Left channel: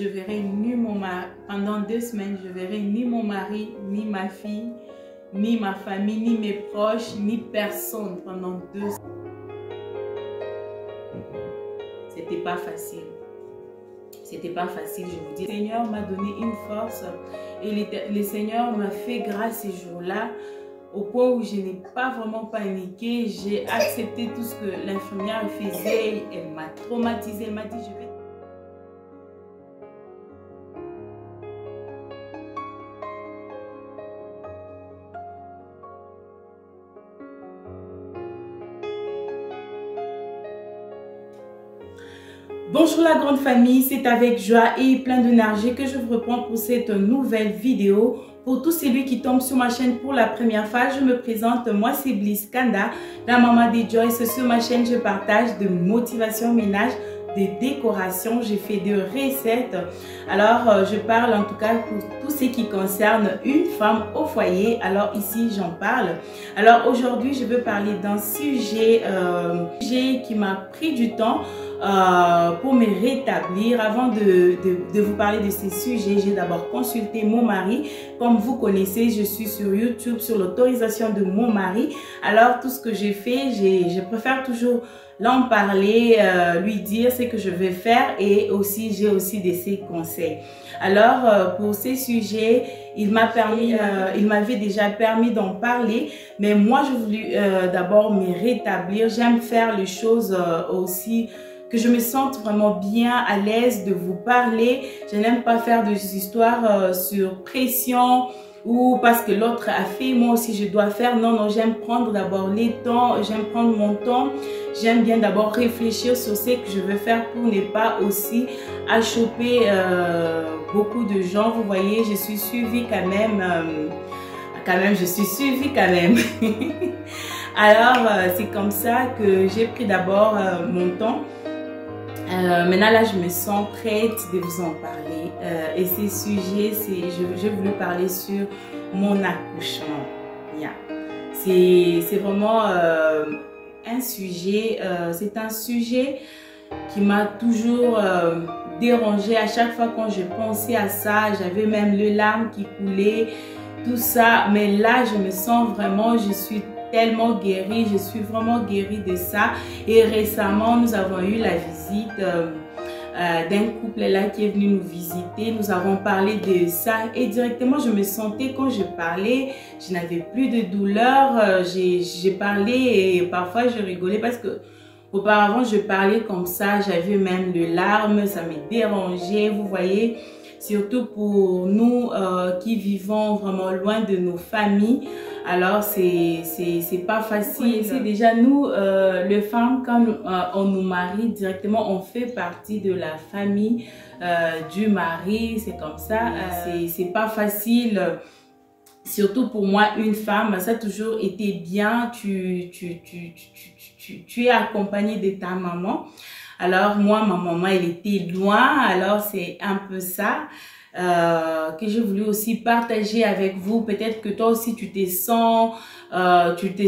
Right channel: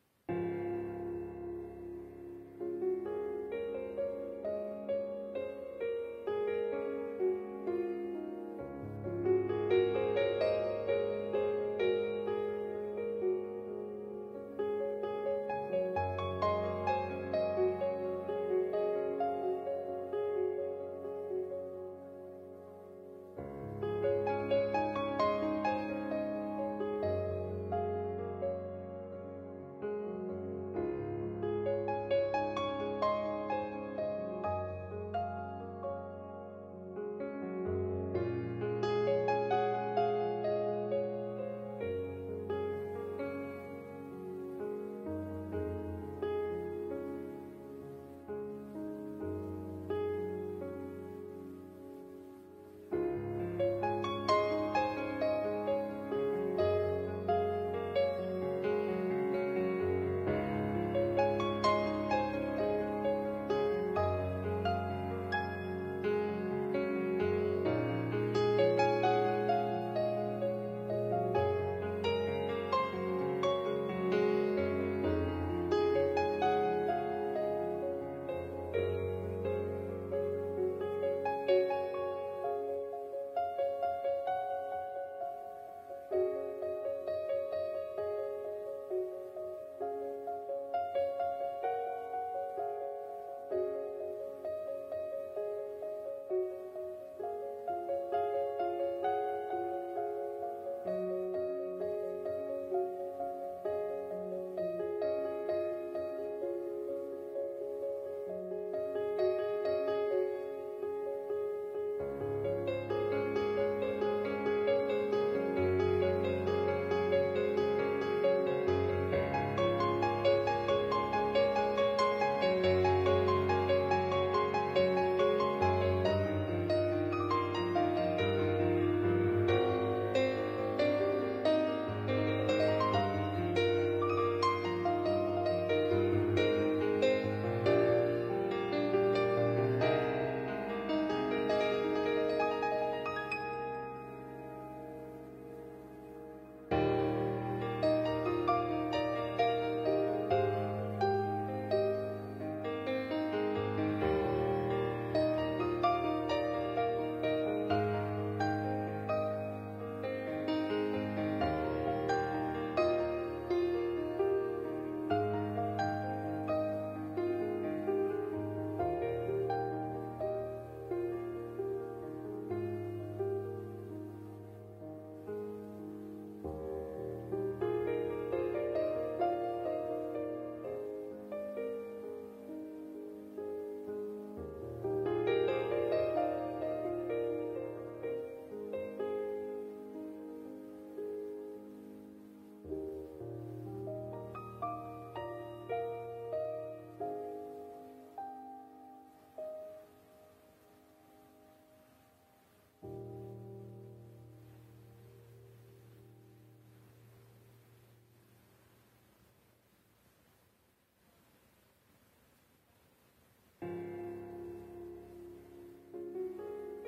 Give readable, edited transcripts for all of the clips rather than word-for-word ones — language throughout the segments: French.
Je verrai ni mon mari pendant 2 semaines, je verrai ni mon mari, ni ma fille, ni ma famille, ni mes proches, ni personne pendant 2 semaines. C'était pas facile. C'était pas facile, je vous dis. Le Seigneur m'a donné une force et le Seigneur m'a fait grâce ces jours-là au point où je n'ai pas vraiment paniqué. J'ai accepté tout ce que l'infirmière faisait. Elle m'a traumatisée. Elle m'a dit, je vais... Bonjour la grande famille, c'est avec joie et plein d'énergie que je vous reprends pour cette nouvelle vidéo. Pour tous celui qui tombe sur ma chaîne pour la première fois, je me présente, moi c'est Bliss Kanda, la maman des Joyce. Sur ma chaîne, je partage de motivation ménage, de décoration, je fais de recettes. Alors, je parle en tout cas pour tout ce qui concerne une femme au foyer. Alors ici, j'en parle. Alors aujourd'hui, je veux parler d'un sujet qui m'a pris du temps pour me rétablir. Avant de vous parler de ces sujets, j'ai d'abord consulté mon mari. Comme vous connaissez, je suis sur YouTube sur l'autorisation de mon mari. Alors tout ce que j'ai fait, je préfère toujours l'en parler, lui dire ce que je vais faire et aussi j'ai aussi de ses conseils. Alors pour ces sujets, il m'avait déjà permis d'en parler, mais moi je voulais d'abord me rétablir. J'aime faire les choses aussi que je me sente vraiment bien à l'aise de vous parler. Je n'aime pas faire des histoires sur pression ou parce que l'autre a fait, moi aussi je dois faire. Non, non, j'aime prendre d'abord les temps, j'aime prendre mon temps. J'aime bien d'abord réfléchir sur ce que je veux faire pour ne pas aussi achoper beaucoup de gens. Vous voyez, je suis suivie quand même. Je suis suivie quand même. Alors, c'est comme ça que j'ai pris d'abord mon temps. Maintenant là je me sens prête de vous en parler et ces sujets, je voulais parler sur mon accouchement. Yeah. C'est vraiment un sujet, c'est un sujet qui m'a toujours dérangée. À chaque fois quand je pensais à ça, j'avais même les larmes qui coulaient, tout ça, mais là je me sens vraiment, je suis tellement guérie, je suis vraiment guérie de ça. Et récemment, nous avons eu la visite d'un couple là qui est venu nous visiter. Nous avons parlé de ça et directement, je me sentais, quand je parlais, je n'avais plus de douleur. J'ai parlé et parfois je rigolais parce que auparavant, je parlais comme ça, j'avais même des larmes, ça me dérangeait, vous voyez. Surtout pour nous qui vivons vraiment loin de nos familles. Alors, c'est pas facile. C'est déjà nous, les femmes, quand on nous marie directement, on fait partie de la famille du mari. C'est comme ça. C'est pas facile. Surtout pour moi, une femme, ça a toujours été bien. Tu es accompagnée de ta maman. Alors moi, ma maman, elle était loin, alors c'est un peu ça que j'ai voulu aussi partager avec vous. Peut-être que toi aussi tu te sens peut-être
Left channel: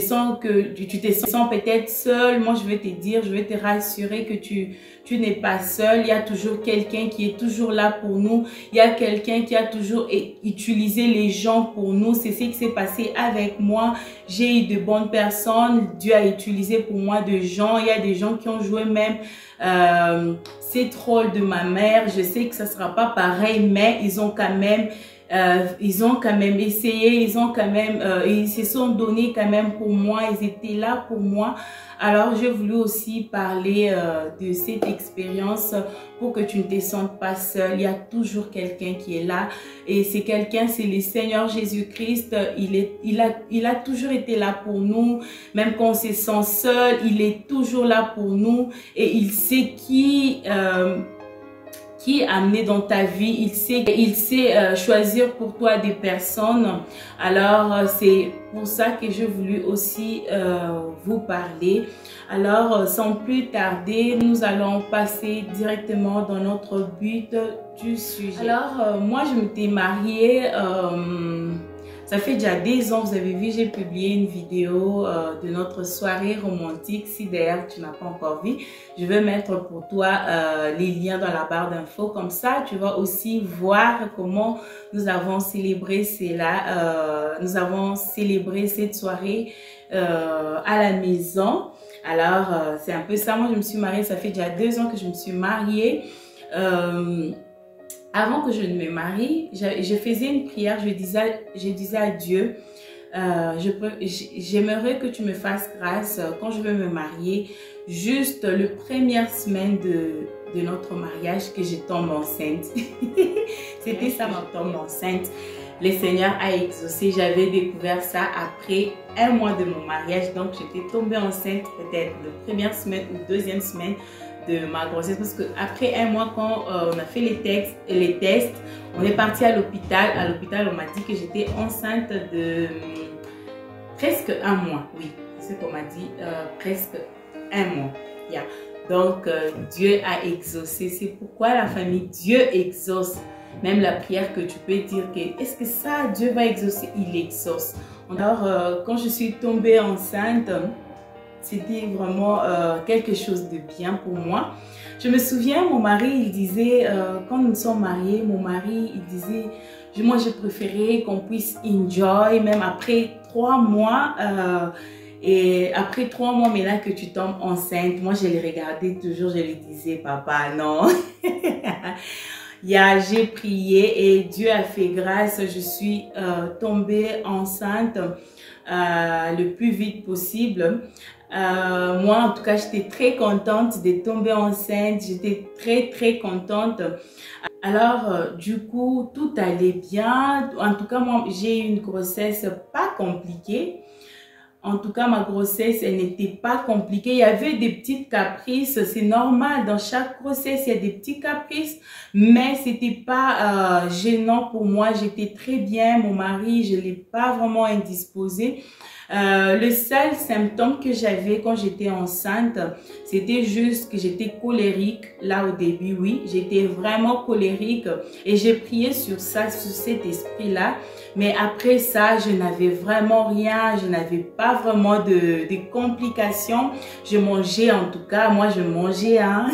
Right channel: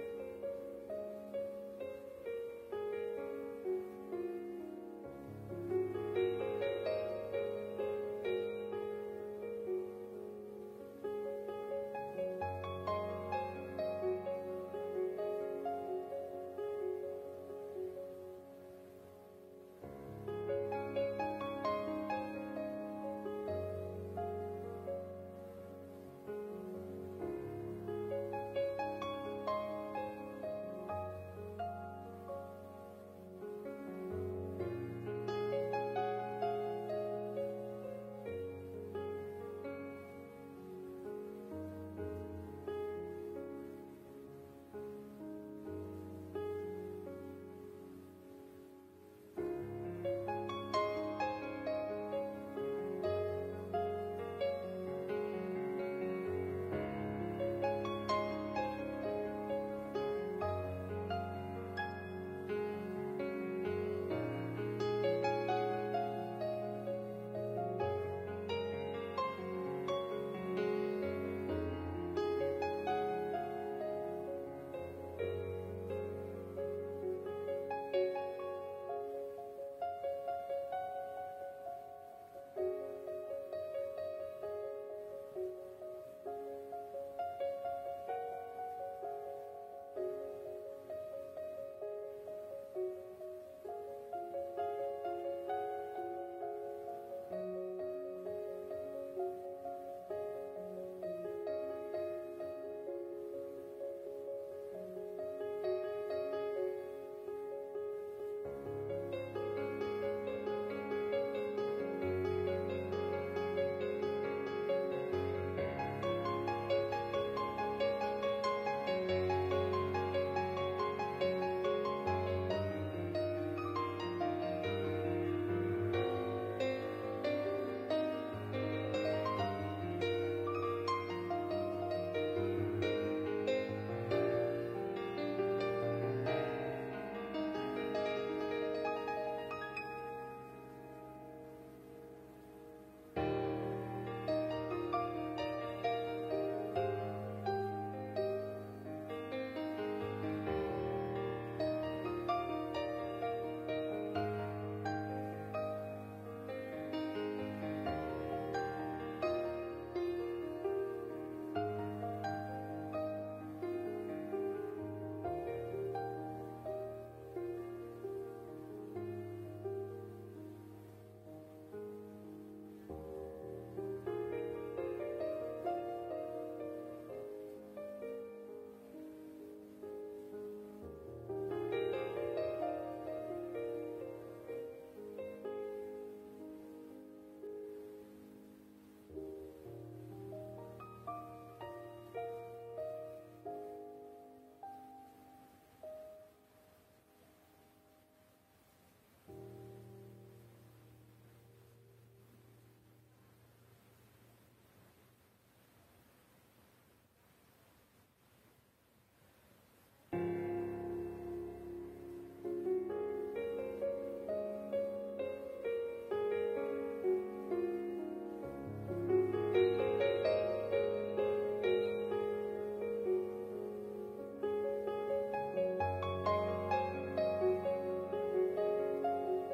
seule. Moi, je vais te dire, je vais te rassurer que tu n'es pas seul. Il y a toujours quelqu'un qui est toujours là pour nous. Il y a quelqu'un qui a toujours utilisé les gens pour nous. C'est ce qui s'est passé avec moi. J'ai eu de bonnes personnes. Dieu a utilisé pour moi de gens. Il y a des gens qui ont joué même ces rôles de ma mère. Je sais que ça ne sera pas pareil, mais ils ont quand même essayé, ils se sont donnés quand même pour moi, ils étaient là pour moi. Alors j'ai voulu aussi parler de cette expérience pour que tu ne te sentes pas seul. Il y a toujours quelqu'un qui est là et c'est quelqu'un, c'est le Seigneur Jésus-Christ. Il a toujours été là pour nous, même quand on se sent seul, il est toujours là pour nous et il sait qui amener dans ta vie, il sait choisir pour toi des personnes. Alors c'est pour ça que j'ai voulu aussi vous parler. Alors sans plus tarder, nous allons passer directement dans notre but du sujet. Alors moi je m'étais mariée, Ça fait déjà 2 ans, vous avez vu, j'ai publié une vidéo de notre soirée romantique. Si d'ailleurs tu n'as pas encore vu, je vais mettre pour toi les liens dans la barre d'infos. Comme ça, tu vas aussi voir comment nous avons célébré cela. Nous avons célébré cette soirée à la maison. Alors, c'est un peu ça. Moi, je me suis mariée, ça fait déjà 2 ans que je me suis mariée. Avant que je ne me marie, je faisais une prière, je disais à Dieu, j'aimerais que tu me fasses grâce quand je vais me marier, juste la première semaine de notre mariage, que je tombe enceinte. C'était ça, ma tombe enceinte. Le Seigneur a exaucé, j'avais découvert ça après 1 mois de mon mariage, donc j'étais tombée enceinte peut-être la première semaine ou 2e semaine de ma grossesse, parce qu'après 1 mois, quand on a fait les tests, on est parti à l'hôpital. À l'hôpital, on m'a dit que j'étais enceinte de presque 1 mois. Oui, c'est ce qu'on m'a dit, presque 1 mois. Yeah. Donc, Dieu a exaucé. C'est pourquoi la famille, Dieu exauce. Même la prière que tu peux dire que est-ce que ça, Dieu va exaucer? Il exauce. Alors, quand je suis tombée enceinte, c'était vraiment quelque chose de bien pour moi. Je me souviens, mon mari, il disait, quand nous sommes mariés, mon mari, il disait, moi, je préférais qu'on puisse enjoy, même après 3 mois. Et après 3 mois, maintenant que tu tombes enceinte, moi, je le regardais toujours, je lui disais, papa, non. J'ai prié et Dieu a fait grâce. Je suis tombée enceinte le plus vite possible. Moi, en tout cas, j'étais très contente de tomber enceinte. J'étais très contente. Alors, du coup, tout allait bien. En tout cas, moi, j'ai eu une grossesse pas compliquée. En tout cas, ma grossesse, elle n'était pas compliquée. Il y avait des petites caprices. C'est normal. Dans chaque grossesse, il y a des petits caprices. Mais ce n'était pas gênant pour moi. J'étais très bien. Mon mari, je ne l'ai pas vraiment indisposé. Le seul symptôme que j'avais quand j'étais enceinte, c'était juste que j'étais colérique. Là, au début, oui, j'étais vraiment colérique. Et j'ai prié sur ça, sur cet esprit-là. Mais après ça, je n'avais vraiment rien, je n'avais pas vraiment de complications. Je mangeais, en tout cas, moi je mangeais. Hein.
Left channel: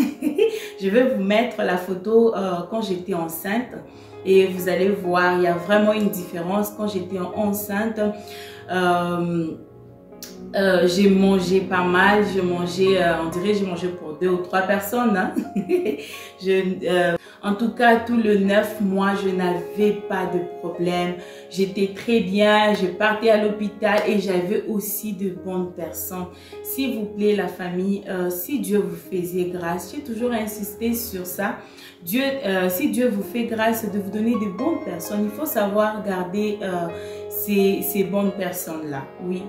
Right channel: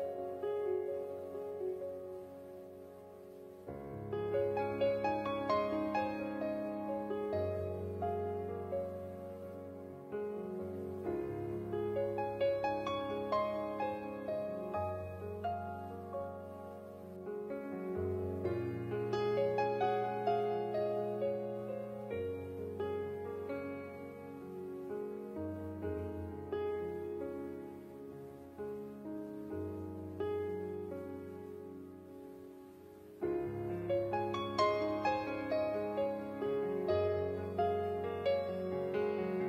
Je vais vous mettre la photo quand j'étais enceinte et vous allez voir, il y a vraiment une différence. Quand j'étais enceinte, j'ai mangé pas mal, je mangeais, on dirait je mangeais pour 2 ou 3 personnes. Hein. En tout cas, tout le 9 mois, je n'avais pas de problème. J'étais très bien, je partais à l'hôpital et j'avais aussi de bonnes personnes. S'il vous plaît, la famille, si Dieu vous faisait grâce, j'ai toujours insisté sur ça. Si Dieu vous fait grâce de vous donner de bonnes personnes, il faut savoir garder ces bonnes personnes-là. Oui.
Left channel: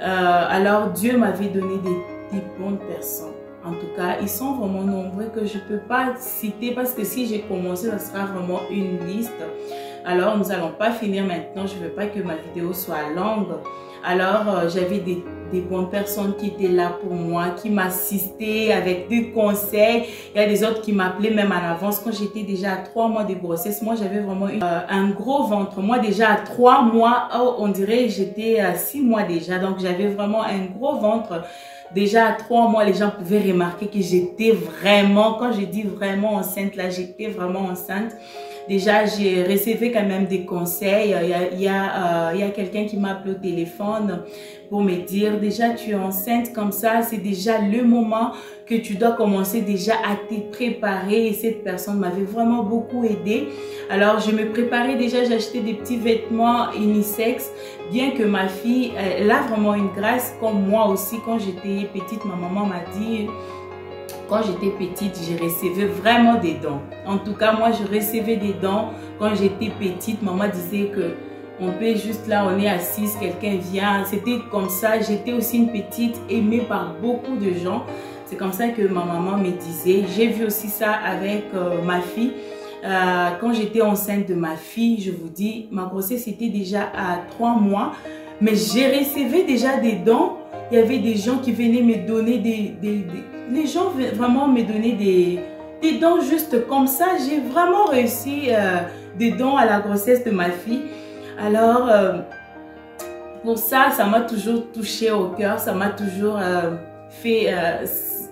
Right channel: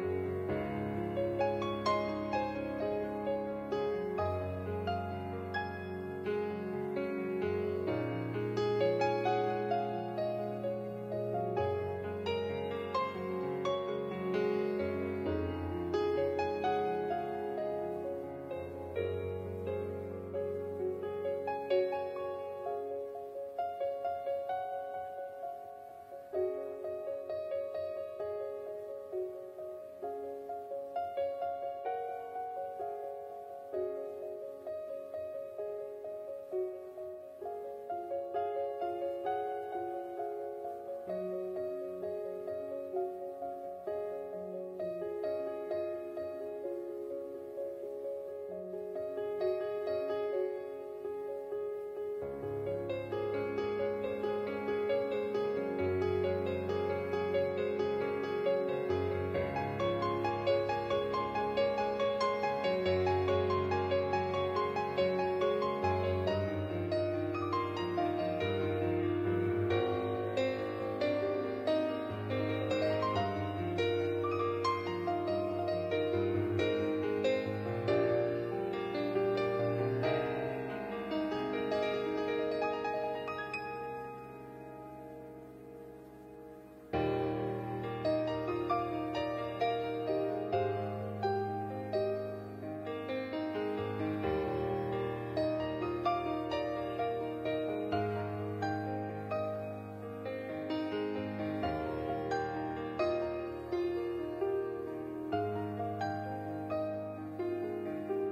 Alors, Dieu m'avait donné des bonnes personnes. En tout cas, ils sont vraiment nombreux que je ne peux pas citer parce que si j'ai commencé, ça sera vraiment une liste. Alors, nous n'allons pas finir maintenant. Je ne veux pas que ma vidéo soit longue. Alors, j'avais des bonnes personnes qui étaient là pour moi, qui m'assistaient avec des conseils. Il y a des autres qui m'appelaient même à l'avance. Quand j'étais déjà à 3 mois de grossesse, moi, j'avais vraiment un gros ventre. Moi, déjà à 3 mois, oh, on dirait j'étais à 6 mois déjà. Donc, j'avais vraiment un gros ventre. Déjà à 3 mois, les gens pouvaient remarquer que j'étais vraiment, quand je dis vraiment enceinte, là, j'étais vraiment enceinte. Déjà, j'ai reçu quand même des conseils. Il y a quelqu'un qui m'a appelé au téléphone pour me dire, déjà, tu es enceinte comme ça, c'est déjà le moment que tu dois commencer déjà à te préparer. Et cette personne m'avait vraiment beaucoup aidé. Alors, je me préparais déjà, j'achetais des petits vêtements unisex. Bien que ma fille, elle a vraiment une grâce, comme moi aussi, quand j'étais petite, ma maman m'a dit... Quand j'étais petite, je recevais vraiment des dons. En tout cas, moi, je recevais des dons. Quand j'étais petite, maman disait que on peut juste là, on est assise, quelqu'un vient. C'était comme ça. J'étais aussi une petite aimée par beaucoup de gens. C'est comme ça que ma maman me disait. J'ai vu aussi ça avec ma fille. Quand j'étais enceinte de ma fille, je vous dis, ma grossesse était déjà à 3 mois. Mais j'ai recevais déjà des dons. Il y avait des gens qui venaient me donner les gens vraiment me donner des dons juste comme ça. J'ai vraiment réussi des dons à la grossesse de ma fille. Alors, pour ça, ça m'a toujours touché au cœur, ça m'a toujours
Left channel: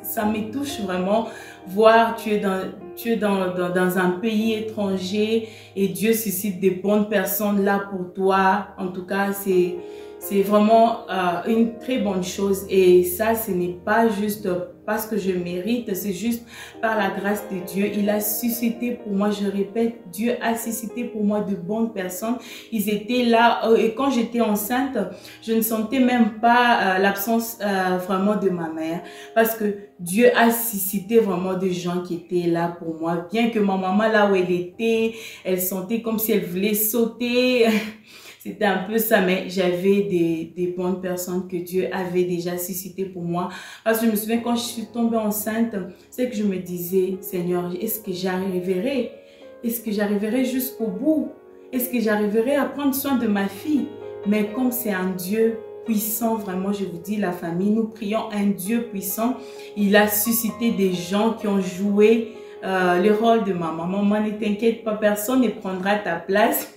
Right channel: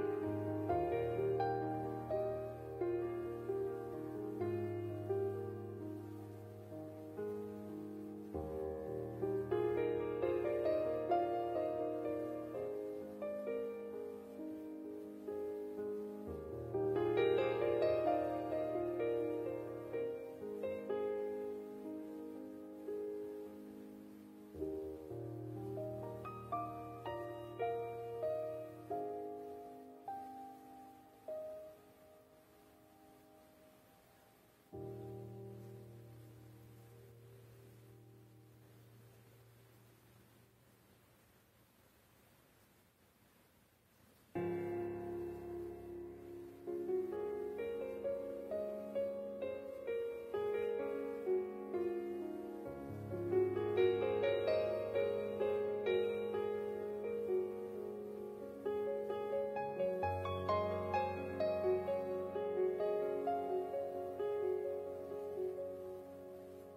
ça me touche vraiment, voir tu es dans un pays étranger et Dieu suscite des bonnes personnes là pour toi. En tout cas, c'est vraiment une très bonne chose, et ça, ce n'est pas juste parce que je mérite, c'est juste par la grâce de Dieu. Il a suscité pour moi, je répète, Dieu a suscité pour moi de bonnes personnes. Ils étaient là, et quand j'étais enceinte, je ne sentais même pas l'absence vraiment de ma mère, parce que Dieu a suscité vraiment des gens qui étaient là pour moi. Bien que ma maman, là où elle était, elle sentait comme si elle voulait sauter. C'était un peu ça, mais j'avais des bonnes personnes que Dieu avait déjà suscitées pour moi. Parce que je me souviens, quand je suis tombée enceinte, c'est que je me disais, Seigneur, est-ce que j'arriverai? Est-ce que j'arriverai jusqu'au bout? Est-ce que j'arriverai à prendre soin de ma fille? Mais comme c'est un Dieu puissant, vraiment, je vous dis, la famille, nous prions un Dieu puissant. Il a suscité des gens qui ont joué le rôle de ma maman. Maman, ne t'inquiète pas, personne ne prendra ta place.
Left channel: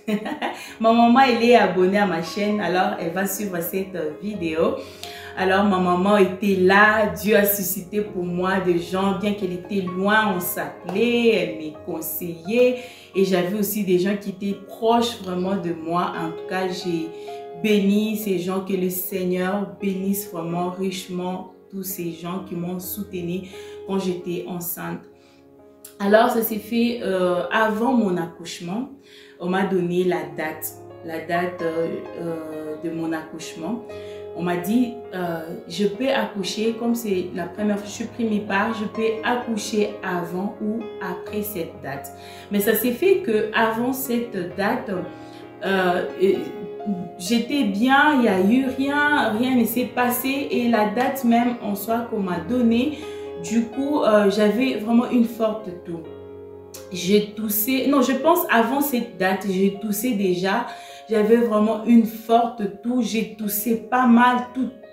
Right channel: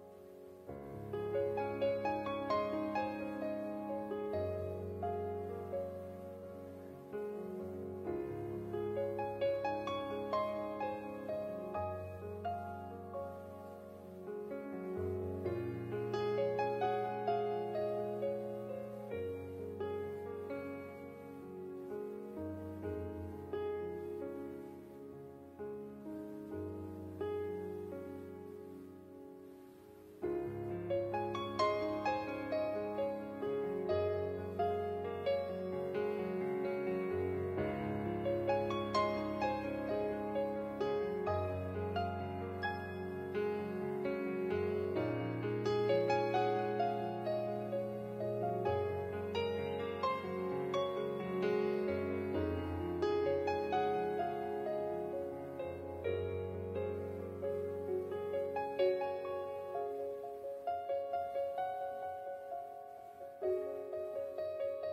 Ma maman, elle est abonnée à ma chaîne, alors elle va suivre cette vidéo. Alors ma maman était là, Dieu a suscité pour moi des gens, bien qu'elle était loin, on s'appelait, elle me conseillait, et j'avais aussi des gens qui étaient proches vraiment de moi. En tout cas, j'ai béni ces gens, que le Seigneur bénisse vraiment richement tous ces gens qui m'ont soutenue quand j'étais enceinte. Alors, ça s'est fait avant mon accouchement. On m'a donné la date de mon accouchement. On m'a dit, je peux accoucher, comme c'est la première fois que je suis pris mes parts, je peux accoucher avant ou après cette date. Mais ça s'est fait qu'avant cette date, j'étais bien, il n'y a eu rien ne s'est passé, et la date même en soi qu'on m'a donnée, du coup, j'avais vraiment une forte toux. J'ai toussé, non, je pense avant cette date, j'ai toussé déjà. J'avais vraiment une forte toux, j'ai toussé pas mal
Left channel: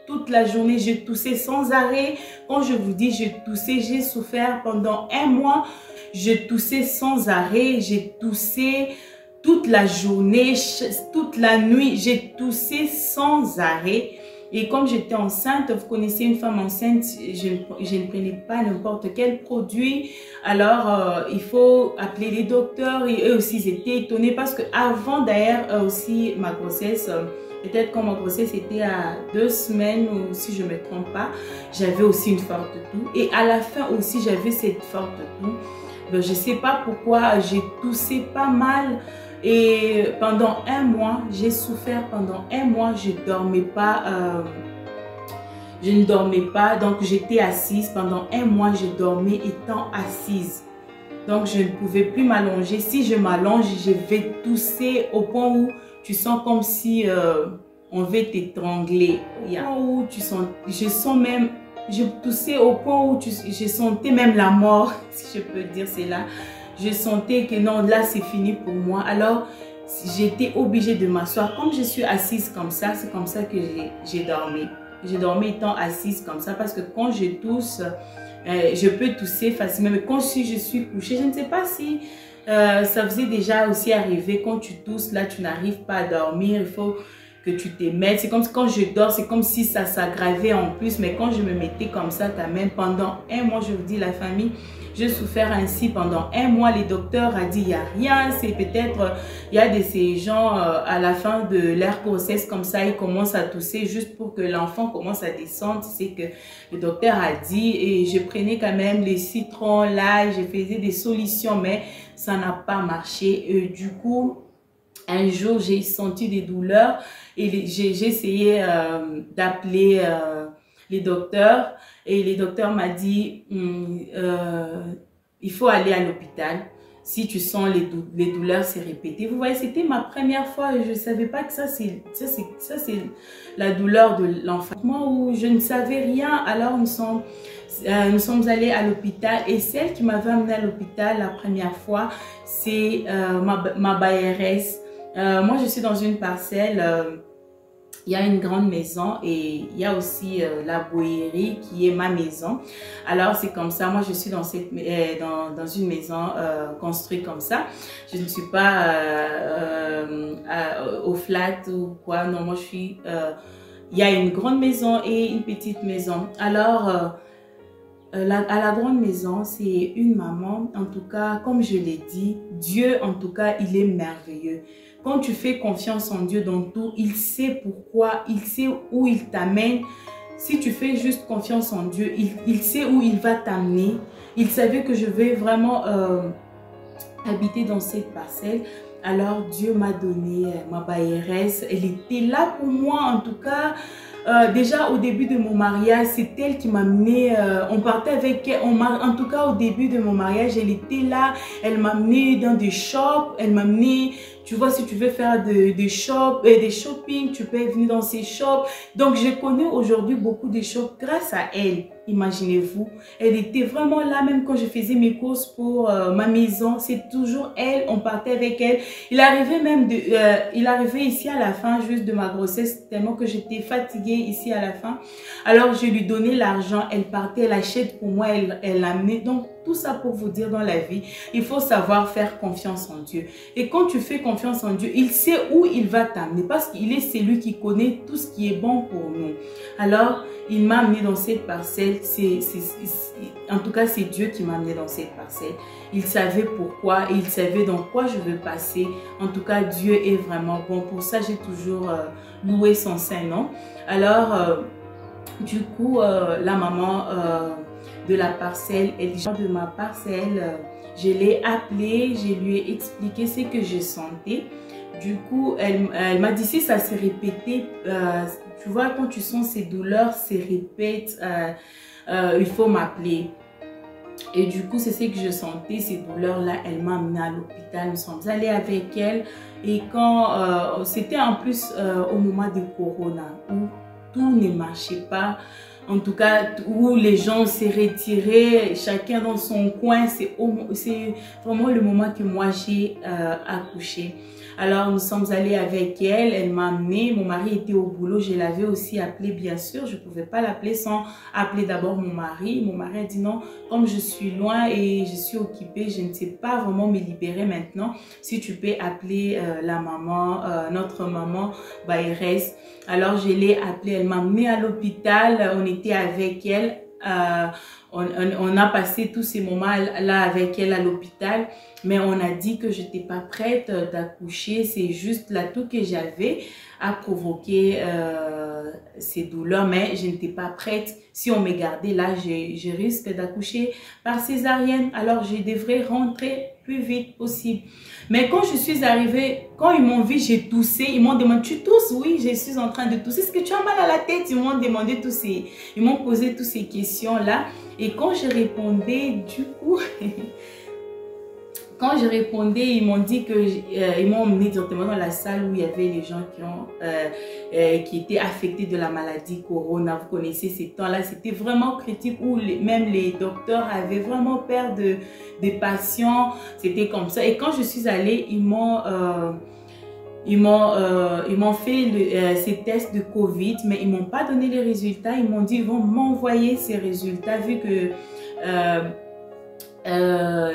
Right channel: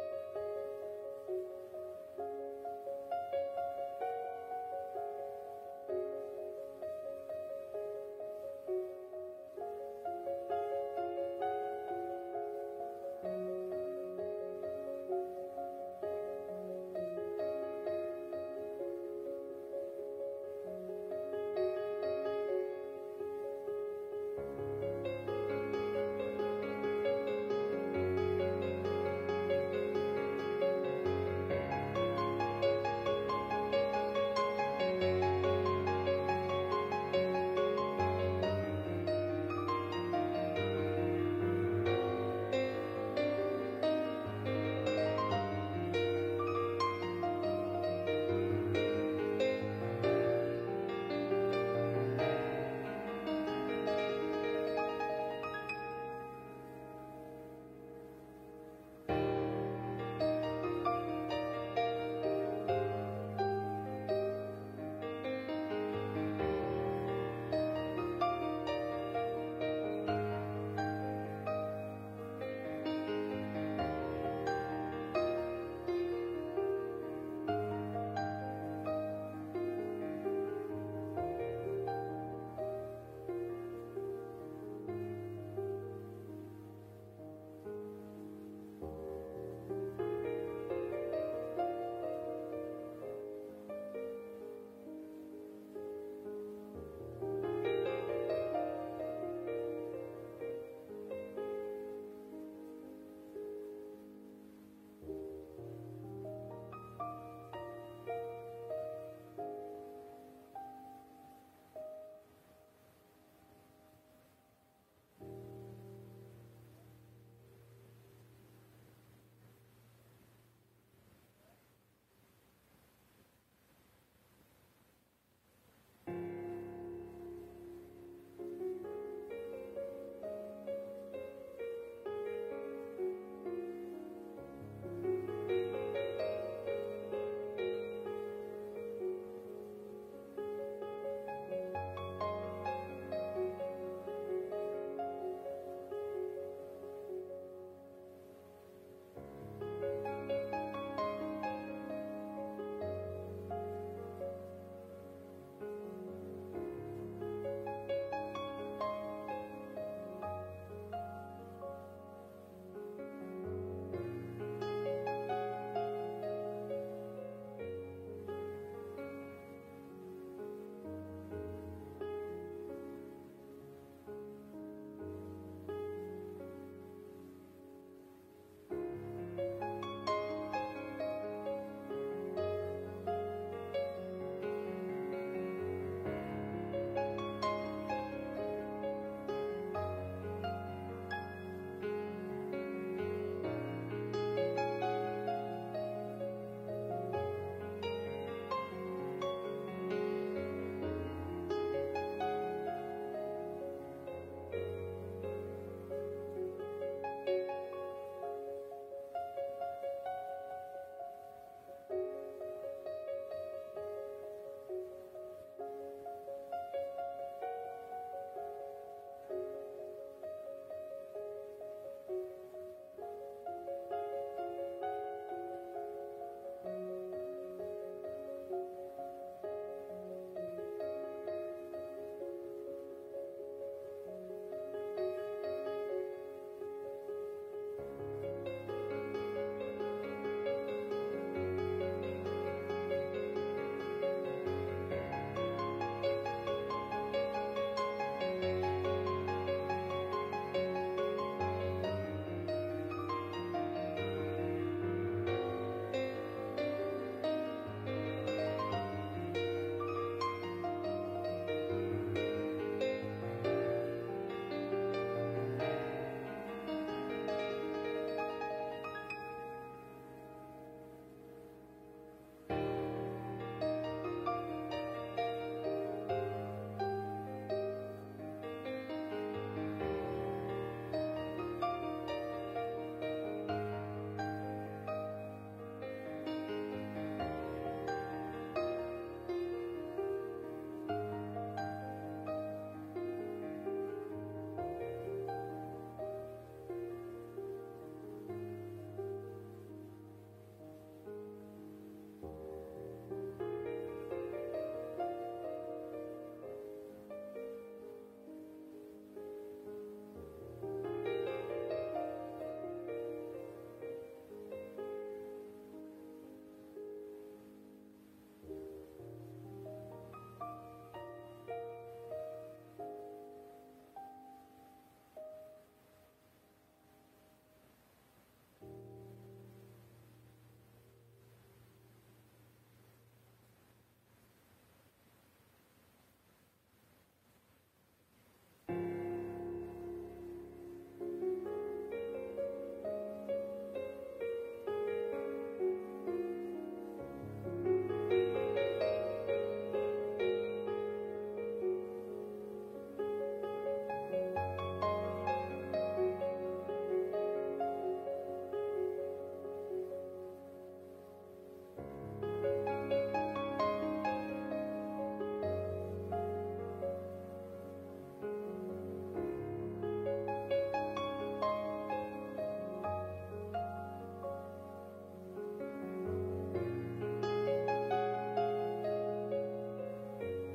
toute la journée, j'ai toussé sans arrêt. Quand je vous dis j'ai toussé, j'ai souffert pendant un mois. Je toussais sans arrêt, j'ai toussé toute la journée, toute la nuit, j'ai toussé sans arrêt. Et comme j'étais enceinte, vous connaissez une femme enceinte, je ne prenais pas n'importe quel produit. Alors, il faut appeler les docteurs. Et eux aussi, ils étaient étonnés parce que avant d'ailleurs aussi ma grossesse, peut-être quand ma grossesse était à 2 semaines, ou si je ne me trompe pas, j'avais aussi une forte toux. Et à la fin aussi, j'avais cette forte toux. Donc, je ne sais pas pourquoi, j'ai toussé pas mal. Et pendant un mois, j'ai souffert pendant un mois, je ne dormais pas, donc j'étais assise. Pendant un mois, je dormais étant assise. Donc je ne pouvais plus m'allonger. Si je m'allonge, je vais tousser au point où tu sens comme si on veut t'étrangler. Où je sens même, je toussais au point où je sentais même la mort, si je peux dire cela. Je sentais que non, là c'est fini pour moi. Alors j'étais obligée de m'asseoir. Comme je suis assise comme ça, c'est comme ça que j'ai dormi. J'ai dormi étant assise comme ça, parce que quand je tousse, je peux tousser facilement. Mais quand je suis couchée, je ne sais pas si ça faisait déjà aussi arriver. Quand tu tousses, là tu n'arrives pas à dormir, il faut que tu te mettes. C'est comme quand je dors, c'est comme si ça s'aggravait en plus. Mais quand je me mettais comme ça, quand même, pendant un mois, je vous dis, la famille, j'ai souffert ainsi pendant un mois. Les docteurs ont dit, il n'y a rien. C'est peut-être, il y a de ces gens, à la fin de leur grossesse, comme ça, ils commencent à tousser juste pour que l'enfant commence à descendre. C'est que le docteur a dit, et je prenais quand même les citrons, l'ail, je faisais des solutions, mais ça n'a pas marché. Et du coup, un jour, j'ai senti des douleurs et j'ai essayé d'appeler les docteurs. Et les docteurs m'ont dit, il faut aller à l'hôpital. Si tu sens les douleurs se répéter. Vous voyez, c'était ma première fois et je ne savais pas que ça c'est la douleur de l'enfant. Moi, où je ne savais rien, alors nous sommes allés à l'hôpital. Et celle qui m'avait amenée à l'hôpital la première fois, c'est ma BRS. Moi, je suis dans une parcelle il y a une grande maison et il y a aussi la Boérie qui est ma maison. Alors c'est comme ça, moi je suis dans une maison construite comme ça. Je ne suis pas au flat ou quoi, non, moi je suis... il y a une grande maison et une petite maison. Alors, à la grande maison, c'est une maman, en tout cas, comme je l'ai dit, Dieu, en tout cas, il est merveilleux. Quand tu fais confiance en Dieu dans tout, il sait pourquoi, il sait où il t'amène. Si tu fais juste confiance en Dieu, il sait où il va t'amener. Il savait que je vais vraiment habiter dans cette parcelle. Alors Dieu m'a donné ma bailleresse. Elle était là pour moi, en tout cas. Déjà au début de mon mariage, c'est elle qui m'a amené, on partait avec elle, en tout cas au début de mon mariage, elle était là, elle m'a amené dans des shops, elle m'a amené, tu vois, si tu veux faire des shopping, tu peux venir dans ces shops. Donc je connais aujourd'hui beaucoup de shops grâce à elle, imaginez-vous. Elle était vraiment là, même quand je faisais mes courses pour ma maison, c'est toujours elle, on partait avec elle. Il arrivait ici à la fin juste de ma grossesse, tellement que j'étais fatiguée ici à la fin. Alors je lui donnais l'argent, elle partait, elle achète pour moi, elle l'amenait. Donc tout ça pour vous dire, dans la vie, il faut savoir faire confiance en Dieu. Et quand tu fais confiance en Dieu, il sait où il va t'amener parce qu'il est celui qui connaît tout ce qui est bon pour nous. Alors, il m'a amené dans cette parcelle. En tout cas, c'est Dieu qui m'a amené dans cette parcelle. Il savait pourquoi, il savait dans quoi je veux passer. En tout cas, Dieu est vraiment bon. Pour ça, j'ai toujours loué son saint nom. Alors, du coup, la maman de la parcelle, elle dit de ma parcelle, je l'ai appelée, je lui ai expliqué ce que je sentais. Du coup, elle m'a dit si ça s'est répété, tu vois, quand tu sens ces douleurs se répètent, il faut m'appeler. Et du coup, c'est ce que je sentais, ces douleurs-là. Elle m'a amenée à l'hôpital, nous sommes allés avec elle. Et quand c'était en plus au moment de Corona, où tout ne marchait pas, en tout cas où les gens s'est retirés, chacun dans son coin, c'est vraiment le moment que moi j'ai accouché. Alors nous sommes allés avec elle, elle m'a amenée, mon mari était au boulot, je l'avais aussi appelé bien sûr, je ne pouvais pas l'appeler sans appeler d'abord mon mari. Mon mari a dit non, comme je suis loin et je suis occupée, je ne sais pas vraiment me libérer maintenant, si tu peux appeler la maman, notre maman Bayrès. Alors je l'ai appelée, elle m'a amenée à l'hôpital, on était avec elle, on a passé tous ces moments-là avec elle à l'hôpital. Mais on a dit que je n'étais pas prête d'accoucher. C'est juste l'atout que j'avais à provoquer ces douleurs. Mais je n'étais pas prête. Si on me gardait là, je risque d'accoucher par césarienne. Alors, je devrais rentrer plus vite possible. Mais quand je suis arrivée, quand ils m'ont vu, j'ai toussé. Ils m'ont demandé, tu tousses? Oui, je suis en train de tousser. Est-ce que tu as mal à la tête? Ils m'ont demandé ils m'ont posé toutes ces questions-là. Et quand je répondais, du coup... Quand je répondais, ils m'ont dit que ils m'ont emmené directement dans la salle où il y avait les gens qui étaient affectés de la maladie Corona. Vous connaissez ces temps-là, c'était vraiment critique où même les docteurs avaient vraiment peur des patients. C'était comme ça. Et quand je suis allée, ils m'ont fait ces tests de Covid, mais ils ne m'ont pas donné les résultats. Ils m'ont dit ils vont m'envoyer ces résultats vu que...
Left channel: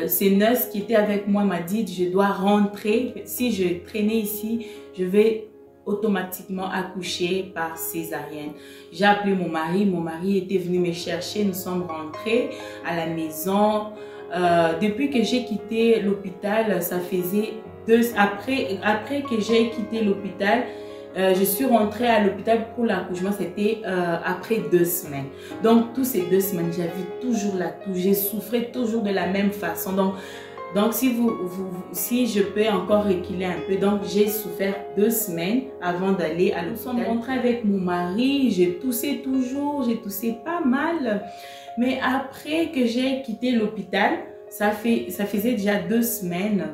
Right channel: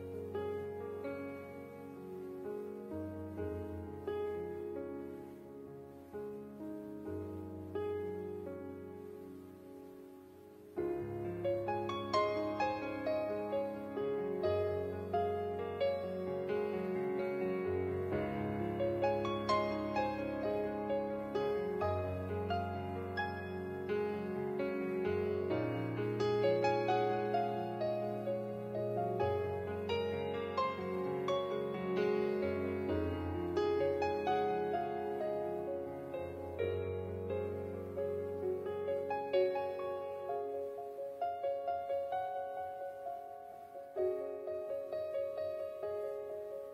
ces nurses qui étaient avec moi m'a dit je dois rentrer, si je traînais ici je vais automatiquement accoucher par césarienne. J'ai appelé mon mari était venu me chercher, nous sommes rentrés à la maison. Depuis que j'ai quitté l'hôpital, ça faisait après que j'ai quitté l'hôpital, je suis rentrée à l'hôpital pour l'accouchement, c'était après 2 semaines. Donc, toutes ces 2 semaines, j'avais toujours la toux, j'ai souffert toujours de la même façon. Donc si je peux encore reculer un peu, donc j'ai souffert 2 semaines avant d'aller à l'hôpital. Nous sommes rentrés avec mon mari, j'ai toussé toujours, j'ai toussé pas mal. Mais après que j'ai quitté l'hôpital, ça faisait déjà 2 semaines,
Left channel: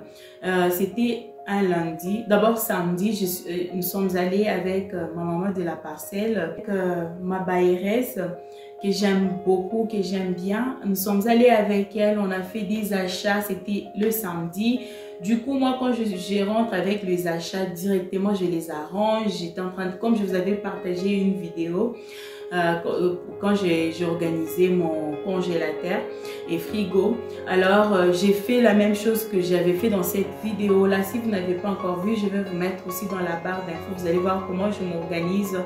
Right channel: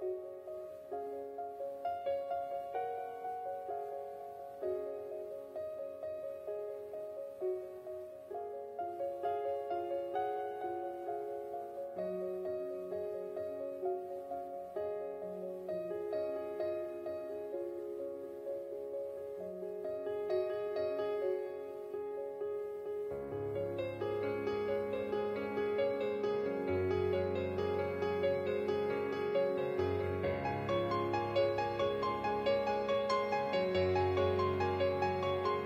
c'était un lundi. D'abord samedi, nous sommes allés avec ma maman de la parcelle, avec ma bailleresse que j'aime beaucoup, que j'aime bien. Nous sommes allés avec elle, on a fait des achats, c'était le samedi. Du coup, moi, quand je rentre avec les achats directement, je les arrange. J'étais en train de, comme je vous avais partagé une vidéo, quand j'ai organisé mon congélateur et frigo, alors j'ai fait la même chose que j'avais fait dans cette vidéo là. Si vous n'avez pas encore vu, je vais vous mettre aussi dans la barre d'infos, vous allez voir comment je m'organise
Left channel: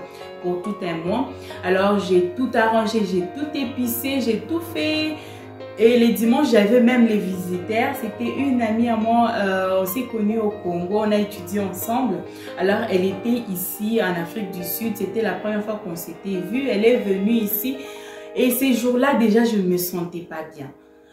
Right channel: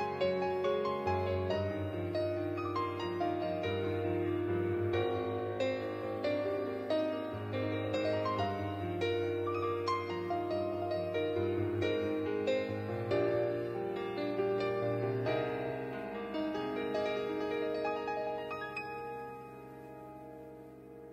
pour tout un mois. Alors j'ai tout arrangé, j'ai tout épicé, j'ai tout fait. Et les dimanches, j'avais même les visiteurs. C'était une amie à moi, on s'est connus au Congo, on a étudié ensemble. Alors, elle était ici en Afrique du Sud. C'était la première fois qu'on s'était vu. Elle est venue ici. Et ces jours-là, déjà, je ne me sentais pas bien.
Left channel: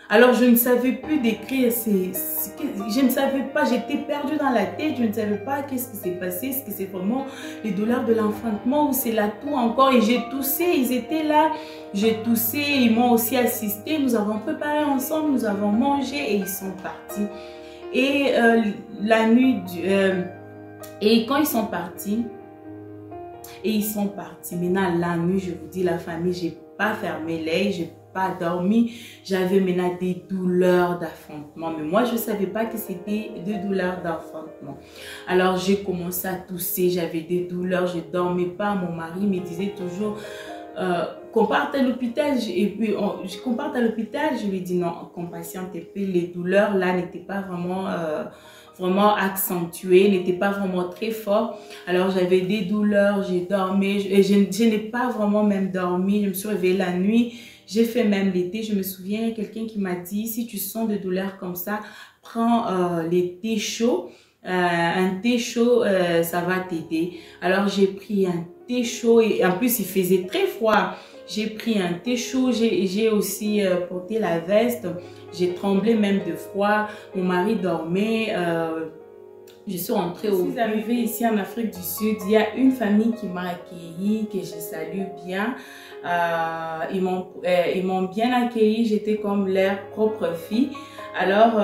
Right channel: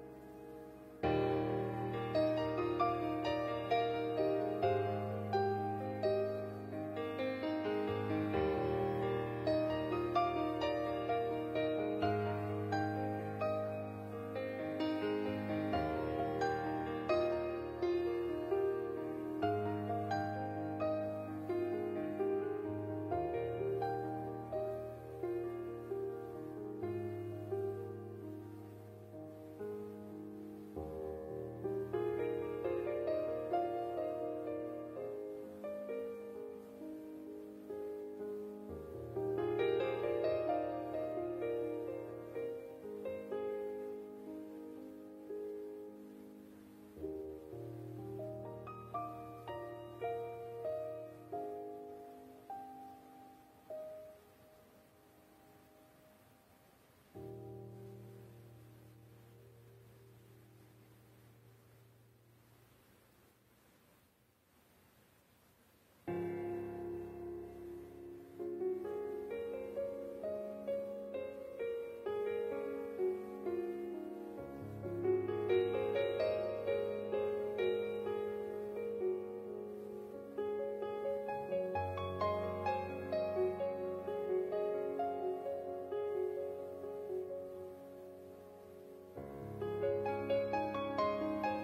Alors, je ne savais plus décrire, je ne savais pas, j'étais perdue dans la tête, je ne savais pas qu'est-ce qui s'est passé, est-ce que c'est vraiment les douleurs de l'enfantement ou c'est la toux encore. Et j'ai toussé, ils étaient là, j'ai toussé, ils m'ont aussi assisté, nous avons préparé ensemble, nous avons mangé et ils sont partis. Et la nuit, et quand ils sont partis, maintenant la nuit, je vous dis, la famille, j'ai pas fermé l'œil, j'ai pas dormi, j'avais maintenant des douleurs d'enfantement, mais moi je ne savais pas que c'était des douleurs d'enfantement. Alors j'ai commencé à tousser, j'avais des douleurs, je ne dormais pas. Mon mari me disait toujours qu'on parte à l'hôpital, et puis qu'on parte à l'hôpital. Je lui dis non, qu'on patiente un peu, les douleurs là n'étaient pas vraiment accentuées, n'étaient pas vraiment très fortes. Alors j'avais des douleurs, j'ai dormi, je n'ai pas vraiment même dormi, je me suis réveillée la nuit. J'ai fait même l'été, je me souviens, il y a quelqu'un qui m'a dit, si tu sens des douleurs comme ça, prends les thés chauds. Un thé chaud, ça va t'aider. Alors j'ai pris un thé chaud et en plus il faisait très froid. J'ai pris un thé chaud, j'ai aussi porté la veste, j'ai tremblé même de froid. Mon mari dormait. Je suis rentrée au... Je suis arrivée ici en Afrique du Sud. Il y a une famille qui m'a accueillie, que je salue bien. Ils m'ont bien accueillie. J'étais comme leur propre fille. Alors,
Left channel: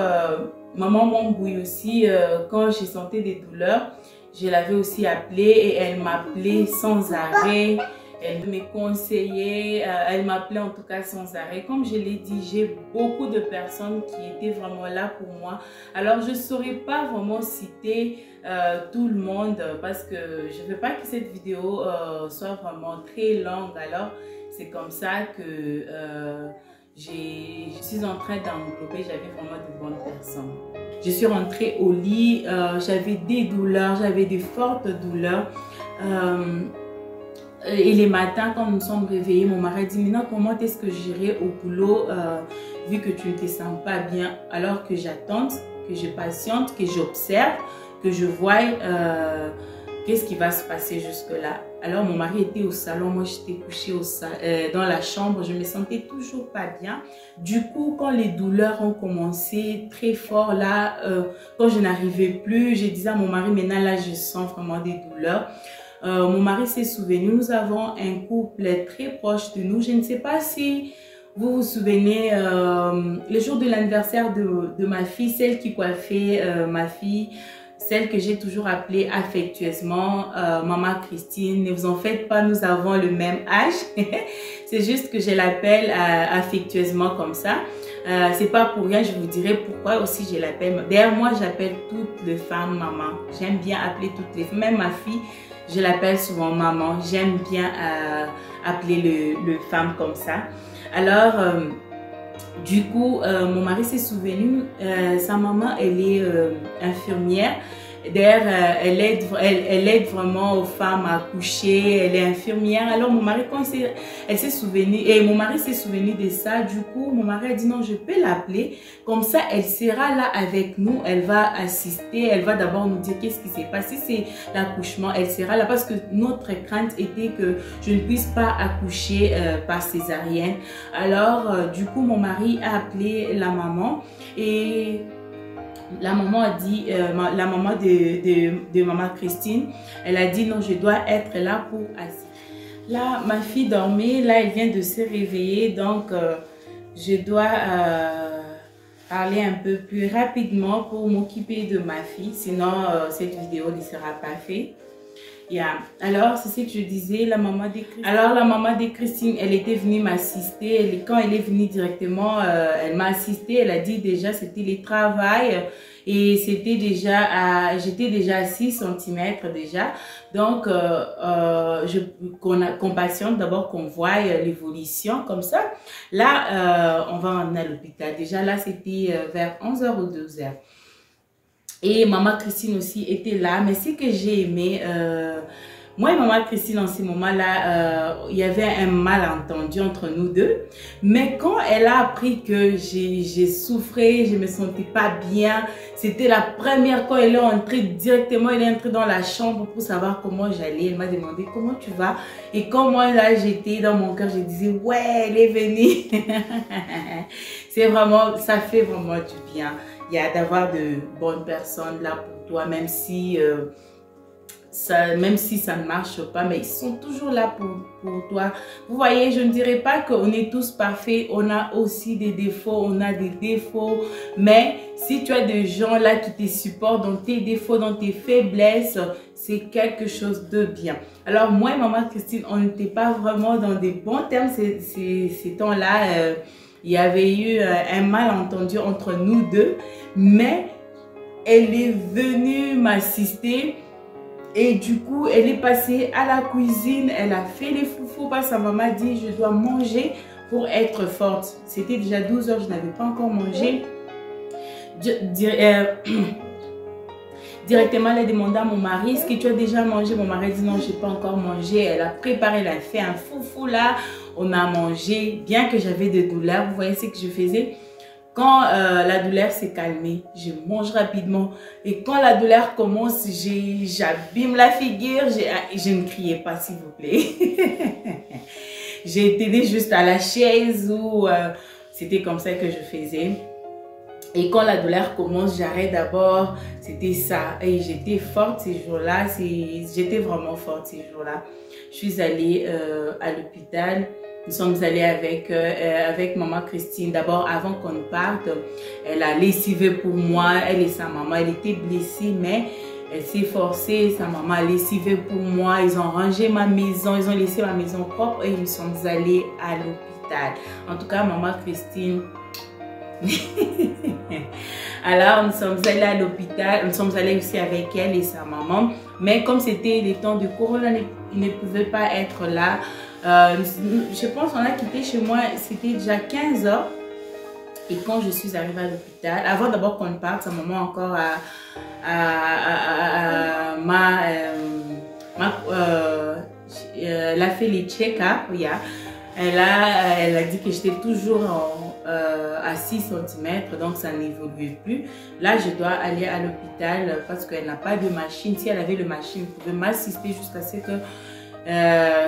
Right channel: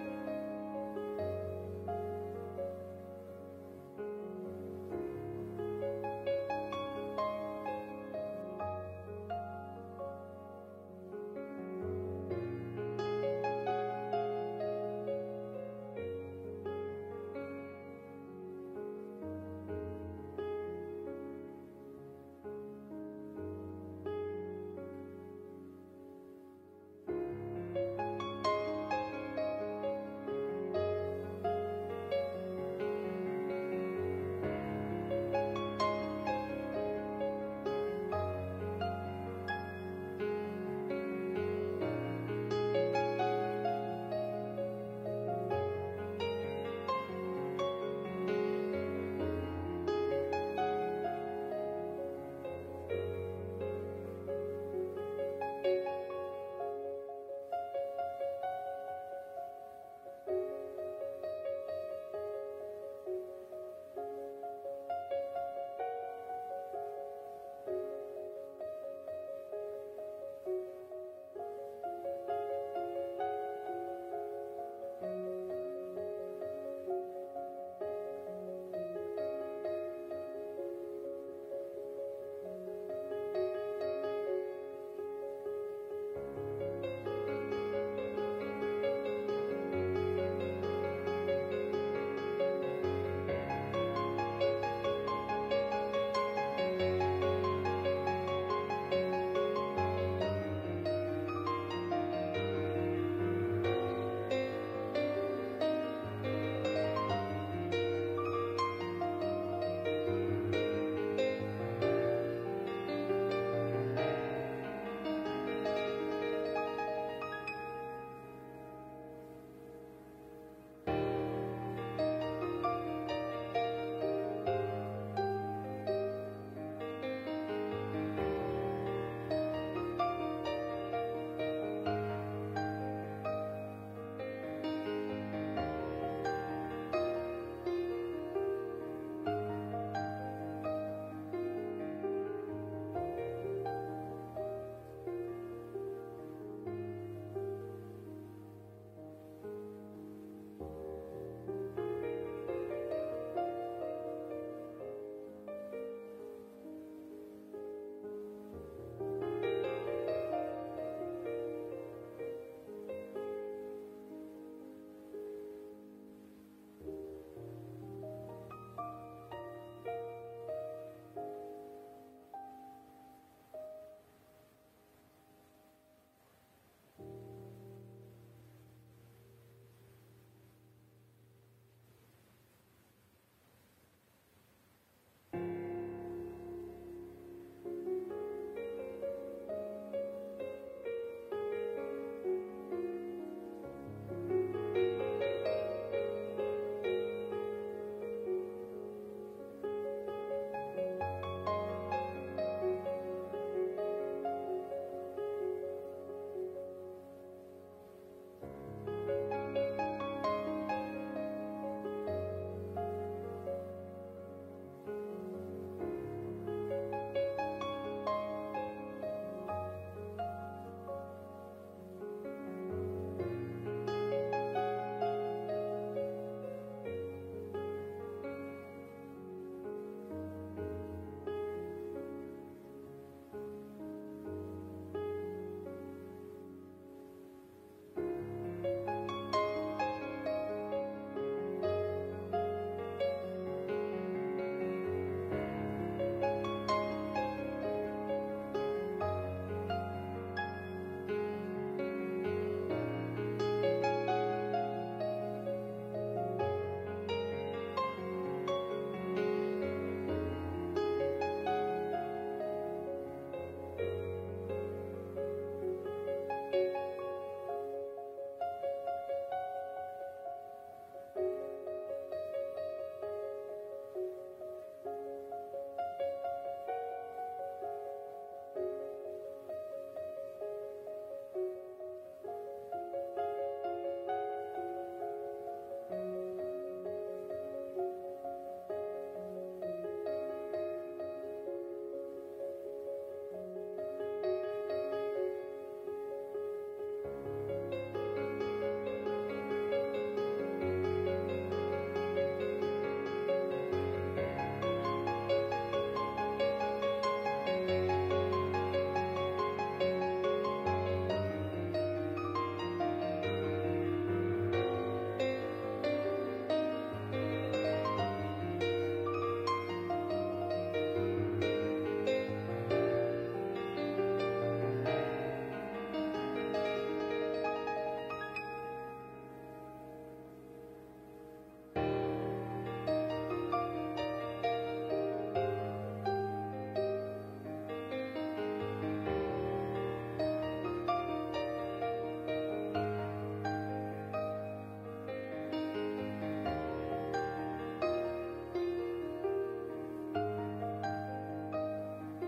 maman m'embrouille aussi. Quand j'ai senti des douleurs, je l'avais aussi appelée et elle m'appelait sans arrêt. Elle me conseillait, elle m'appelait en tout cas sans arrêt. Comme je l'ai dit, j'ai beaucoup de personnes qui étaient vraiment là pour moi. Alors, je ne saurais pas vraiment citer tout le monde parce que je ne veux pas que cette vidéo soit vraiment très longue. Alors, c'est comme ça que je suis en train d'englober, j'avais vraiment de bonnes personnes. Je suis rentrée au lit, j'avais des douleurs, j'avais des fortes douleurs. Et les matins, quand nous sommes réveillés, mon mari dit, maintenant comment est-ce que j'irai au boulot vu que tu ne te sens pas bien, alors que j'attende, que je patiente, que j'observe, que je vois qu'est-ce qui va se passer jusque-là. Alors mon mari était au salon, moi j'étais couchée dans la chambre, je me sentais toujours pas bien. Du coup, quand les douleurs ont commencé très fort, là, quand je n'arrivais plus, je disais à mon mari, maintenant là je sens vraiment des douleurs. Mon mari s'est souvenu, nous avons un couple très proche de nous. Je ne sais pas si vous vous souvenez, le jour de l'anniversaire de ma fille, celle qui coiffait ma fille, celle que j'ai toujours appelée affectueusement Maman Christine. Ne vous en faites pas, nous avons le même âge. C'est juste que je l'appelle affectueusement comme ça. C'est pas pour rien, je vous dirai pourquoi aussi je l'appelle. D'ailleurs, moi, j'appelle toutes les femmes maman. J'aime bien appeler toutes les femmes, même ma fille. Je l'appelle souvent maman. J'aime bien appeler les femmes comme ça. Alors, du coup, mon mari s'est souvenu. Sa maman, elle est infirmière. D'ailleurs, elle aide vraiment aux femmes à accoucher. Elle est infirmière. Alors, mon mari, quand elle s'est souvenue, et mon mari s'est souvenu de ça, du coup, mon mari a dit non, je peux l'appeler. Comme ça, elle sera là avec nous. Elle va assister. Elle va d'abord nous dire qu'est-ce qui s'est passé. C'est l'accouchement. Elle sera là parce que notre crainte était que je ne puisse pas accoucher par césarienne. Alors, du coup, mon mari a appelé la maman et la maman a dit, la maman de Maman Christine, elle a dit non, je dois être là pour assister. Là, ma fille dormait, là, elle vient de se réveiller, donc je dois parler un peu plus rapidement pour m'occuper de ma fille, sinon cette vidéo ne sera pas faite. Yeah. Alors, c'est ce que je disais, la maman de Christine. Alors, la maman de Christine, elle était venue m'assister. Quand elle est venue directement, elle m'a assistée. Elle a dit déjà, c'était le travail. et c'était déjà j'étais déjà à 6 cm déjà. Donc, qu'on patiente d'abord, qu'on voit l'évolution comme ça. Là, on va emmener à l'hôpital. Déjà là, c'était vers 11h ou 12h. Et maman Christine aussi était là. Mais ce que j'ai aimé, moi et maman Christine en ce moment-là, il y avait un malentendu entre nous deux. Mais quand elle a appris que j'ai souffré, je ne me sentais pas bien, c'était la première, quand elle est entrée directement, elle est entrée dans la chambre pour savoir comment j'allais. Elle m'a demandé comment tu vas. Et quand moi là j'étais dans mon cœur, je disais ouais, elle est venue. C'est vraiment, ça fait vraiment du bien. Il y a d'avoir de bonnes personnes là pour toi, même si ça ne marche pas, mais ils sont toujours là pour toi. Vous voyez, je ne dirais pas qu'on est tous parfaits, on a aussi des défauts, on a des défauts, mais si tu as des gens là qui te supportent dans tes défauts, dans tes faiblesses, c'est quelque chose de bien. Alors moi et maman Christine, on n'était pas vraiment dans des bons termes ces temps-là. Il y avait eu un malentendu entre nous deux, mais elle est venue m'assister et du coup, elle est passée à la cuisine, elle a fait les foufous parce que sa maman a dit je dois manger pour être forte. C'était déjà 12h, je n'avais pas encore mangé. Directement, elle a demandé à mon mari, est-ce que tu as déjà mangé? Mon mari dit non, je n'ai pas encore mangé. Elle a préparé, elle a fait un foufou là. On a mangé, bien que j'avais des douleurs. Vous voyez ce que je faisais? Quand la douleur s'est calmée, je mange rapidement. Et quand la douleur commence, j'abîme la figure. Je ne criais pas, s'il vous plaît. J'ai été juste à la chaise ou c'était comme ça que je faisais. Et quand la douleur commence, j'arrête d'abord. C'était ça. Et j'étais forte ces jours-là. J'étais vraiment forte ces jours-là. Je suis allée à l'hôpital. Nous sommes allés avec maman Christine. D'abord, avant qu'on parte, elle a lessivé pour moi. Elle et sa maman, elle était blessée, mais elle s'est forcée. Sa maman a lessivé pour moi. Ils ont rangé ma maison. Ils ont laissé ma maison propre et nous sommes allés à l'hôpital. En tout cas, maman Christine... Alors, nous sommes allés à l'hôpital. Nous sommes allés aussi avec elle et sa maman. Mais comme c'était les temps de Corona, ils ne pouvaient pas être là. Je pense qu'on a quitté chez moi, c'était déjà 15h. Et quand je suis arrivée à l'hôpital, avant d'abord qu'on parte, sa maman encore elle a fait les check-up. Elle a dit que j'étais toujours à 6 cm, donc ça n'évoluait plus. Là, je dois aller à l'hôpital parce qu'elle n'a pas de machine. Si elle avait le machine, elle pouvait m'assister jusqu'à ce que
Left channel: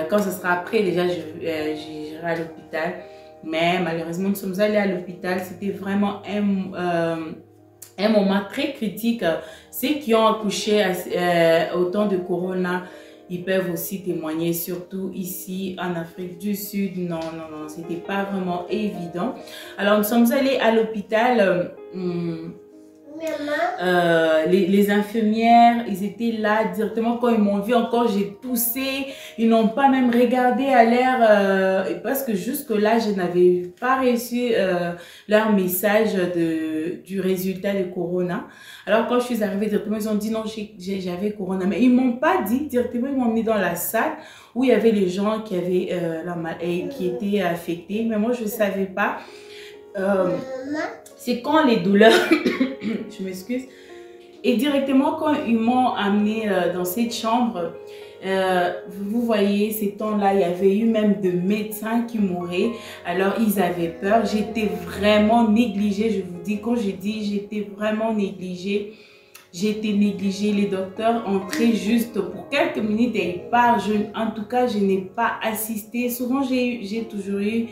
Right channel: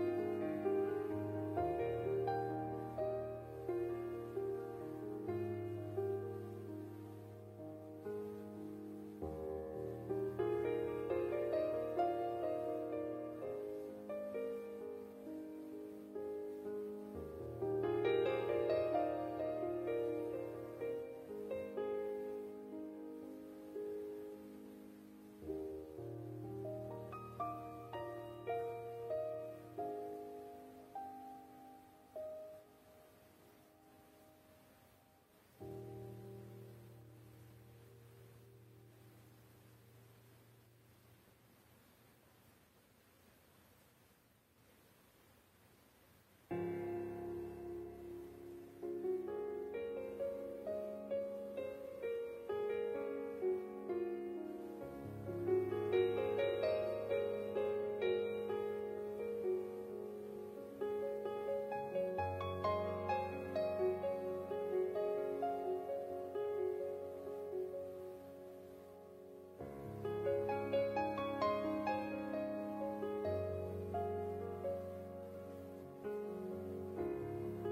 quand ce sera après, déjà, j'irai à l'hôpital. Mais malheureusement, nous sommes allés à l'hôpital. C'était vraiment un moment très critique. Ceux qui ont accouché au temps de Corona, ils peuvent aussi témoigner, surtout ici en Afrique du Sud. Non, c'était pas vraiment évident. Alors, nous sommes allés à l'hôpital. Les infirmières, ils étaient là directement quand ils m'ont vu. Encore, j'ai toussé. Ils n'ont pas même regardé à l'air parce que jusque-là, je n'avais pas reçu leur message du résultat de Corona. Alors, quand je suis arrivée directement, ils ont dit non, j'avais Corona. Mais ils ne m'ont pas dit directement, ils m'ont mis dans la salle où il y avait les gens qui avaient qui étaient affectés. Mais moi, je ne savais pas. C'est quand les douleurs, je m'excuse, et directement quand ils m'ont amené dans cette chambre, vous voyez, ces temps-là, il y avait eu même des médecins qui mouraient, alors ils avaient peur. J'étais vraiment négligée, je vous dis, quand je dis j'étais vraiment négligée, les docteurs entraient juste pour quelques minutes et ils partent. En tout cas, je n'ai pas assisté, souvent j'ai toujours eu...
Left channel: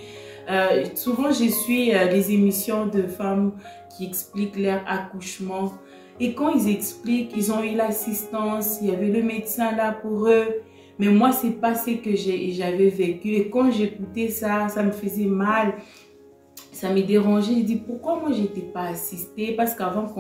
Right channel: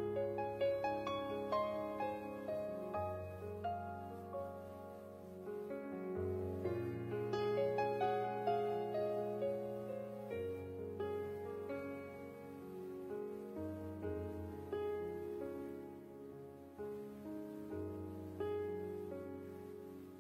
souvent, je suis les émissions de femmes qui expliquent leur accouchement. Et quand ils expliquent, ils ont eu l'assistance, il y avait le médecin là pour eux. Mais moi, c'est pas ce que j'avais vécu. Et quand j'écoutais ça, ça me faisait mal. Ça me dérangeait. Je dis, pourquoi moi, je n'étais pas assistée? Parce qu'avant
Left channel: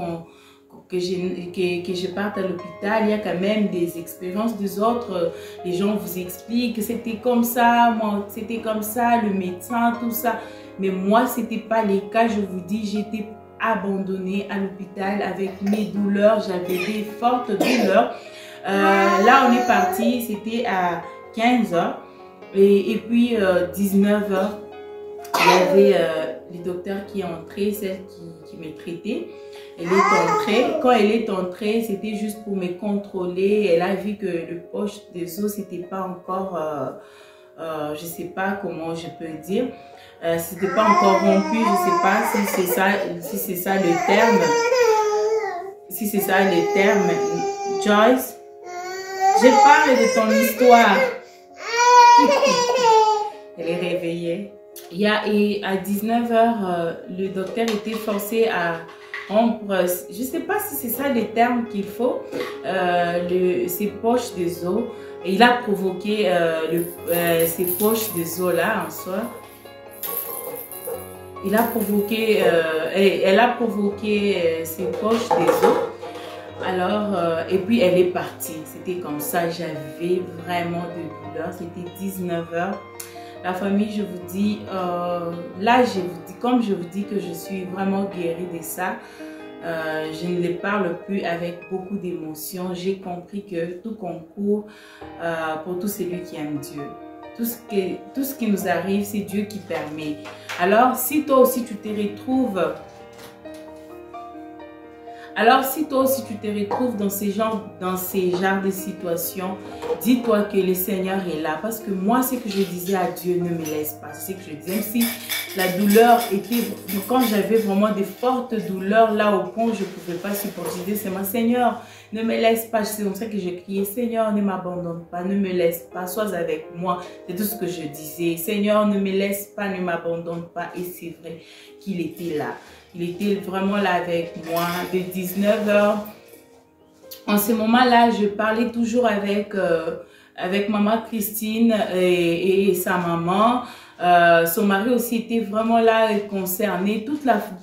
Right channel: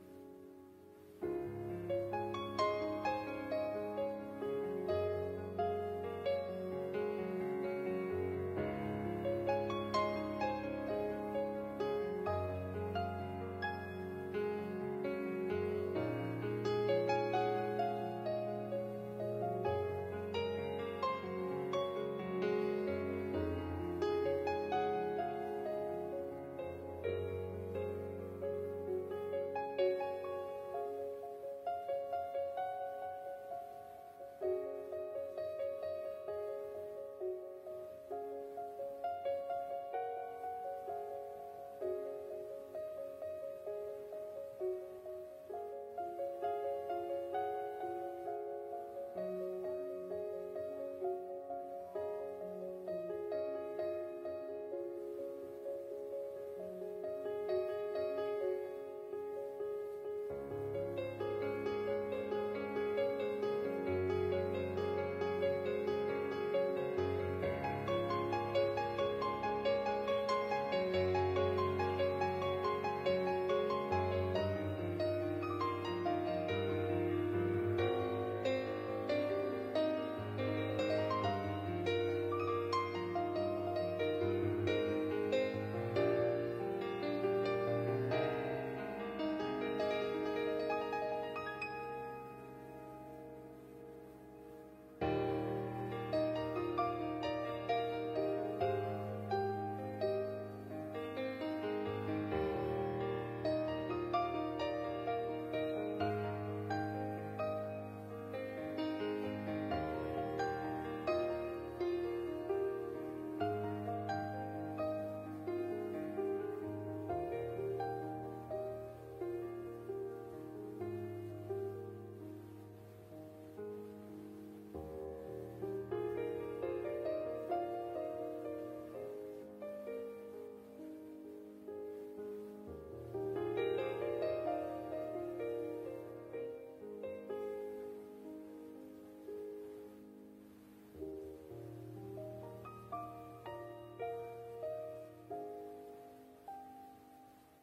que je parte à l'hôpital, il y a quand même des expériences des autres. Les gens vous expliquent que c'était comme ça, moi c'était comme ça, le médecin, tout ça. Mais moi, c'était pas le cas. Je vous dis, j'étais abandonnée à l'hôpital avec mes douleurs. J'avais des fortes douleurs. Là, on est parti, c'était à 15 h. Et puis, 19 h, il y avait le docteur qui est entré, celle qui me traitait. Elle est entrée. Quand elle est entrée, c'était juste pour me contrôler. Elle a vu que le poche des os, c'était pas encore, je sais pas comment je peux dire, c'était pas encore rompu. Je sais pas si c'est ça le terme. Si c'est ça le terme. Joyce, je parle de ton histoire. Elle est réveillée. Et à 19 h, le docteur était forcé à rompre, je ne sais pas si c'est ça les termes qu'il faut, ses poches des os. Et il a provoqué ces poches des os là en soi. Il a provoqué, elle a provoqué ses poches des os. Alors, et puis elle est partie. C'était comme ça, j'avais vraiment de douleur. C'était 19 h. La famille, je vous dis, là, je vous dis, comme je vous dis que je suis vraiment guérie de ça, je ne les parle plus avec beaucoup d'émotion. J'ai compris que tout concourt pour tout celui qui aime Dieu. Tout ce qui nous arrive, c'est Dieu qui permet. Alors, si toi aussi tu te retrouves... Alors, si toi aussi tu te retrouves dans ces genres de situations, dis-toi que le Seigneur est là. Parce que moi, ce que je disais à Dieu, ne me laisse pas. C'est ce que je disais. Même si la douleur était... Quand j'avais vraiment des fortes douleurs, là au point où je ne pouvais pas supporter, je disais, c'est mon Seigneur, ne me laisse pas. C'est comme ça que j'ai crié, Seigneur, ne m'abandonne pas, ne me laisse pas, sois avec moi. C'est tout ce que je disais. Seigneur, ne me laisse pas, ne m'abandonne pas. Et c'est vrai qu'il était là. Il était vraiment là avec moi de 19 h. En ce moment-là, je parlais toujours avec maman Christine et sa maman. Son mari aussi était vraiment là concerné.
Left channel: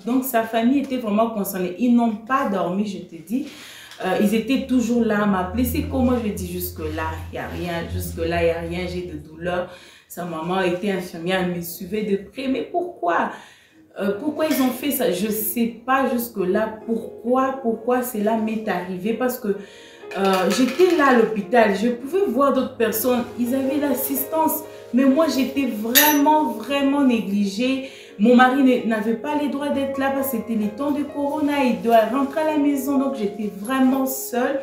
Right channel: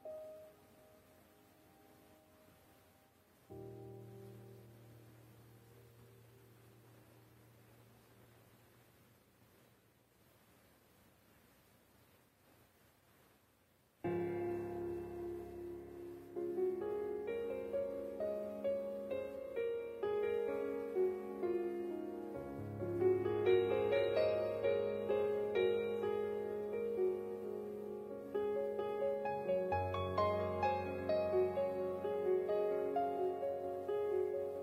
Donc sa famille était vraiment concernée. Ils n'ont pas dormi, je te dis. Ils étaient toujours là à m'appeler. C'est comment je dis jusque-là, il n'y a rien. Jusque-là, il n'y a rien. J'ai de douleur. Sa maman était infirmière. Elle me suivait de près. Mais pourquoi? Pourquoi ils ont fait ça? Je ne sais pas jusque-là pourquoi cela m'est arrivé. Parce que j'étais là à l'hôpital. Je pouvais voir d'autres personnes. Ils avaient l'assistance. Mais moi, j'étais vraiment négligée. Mon mari n'avait pas les droits d'être là parce que c'était les temps de Corona. Il doit rentrer à la maison. Donc, j'étais vraiment seule.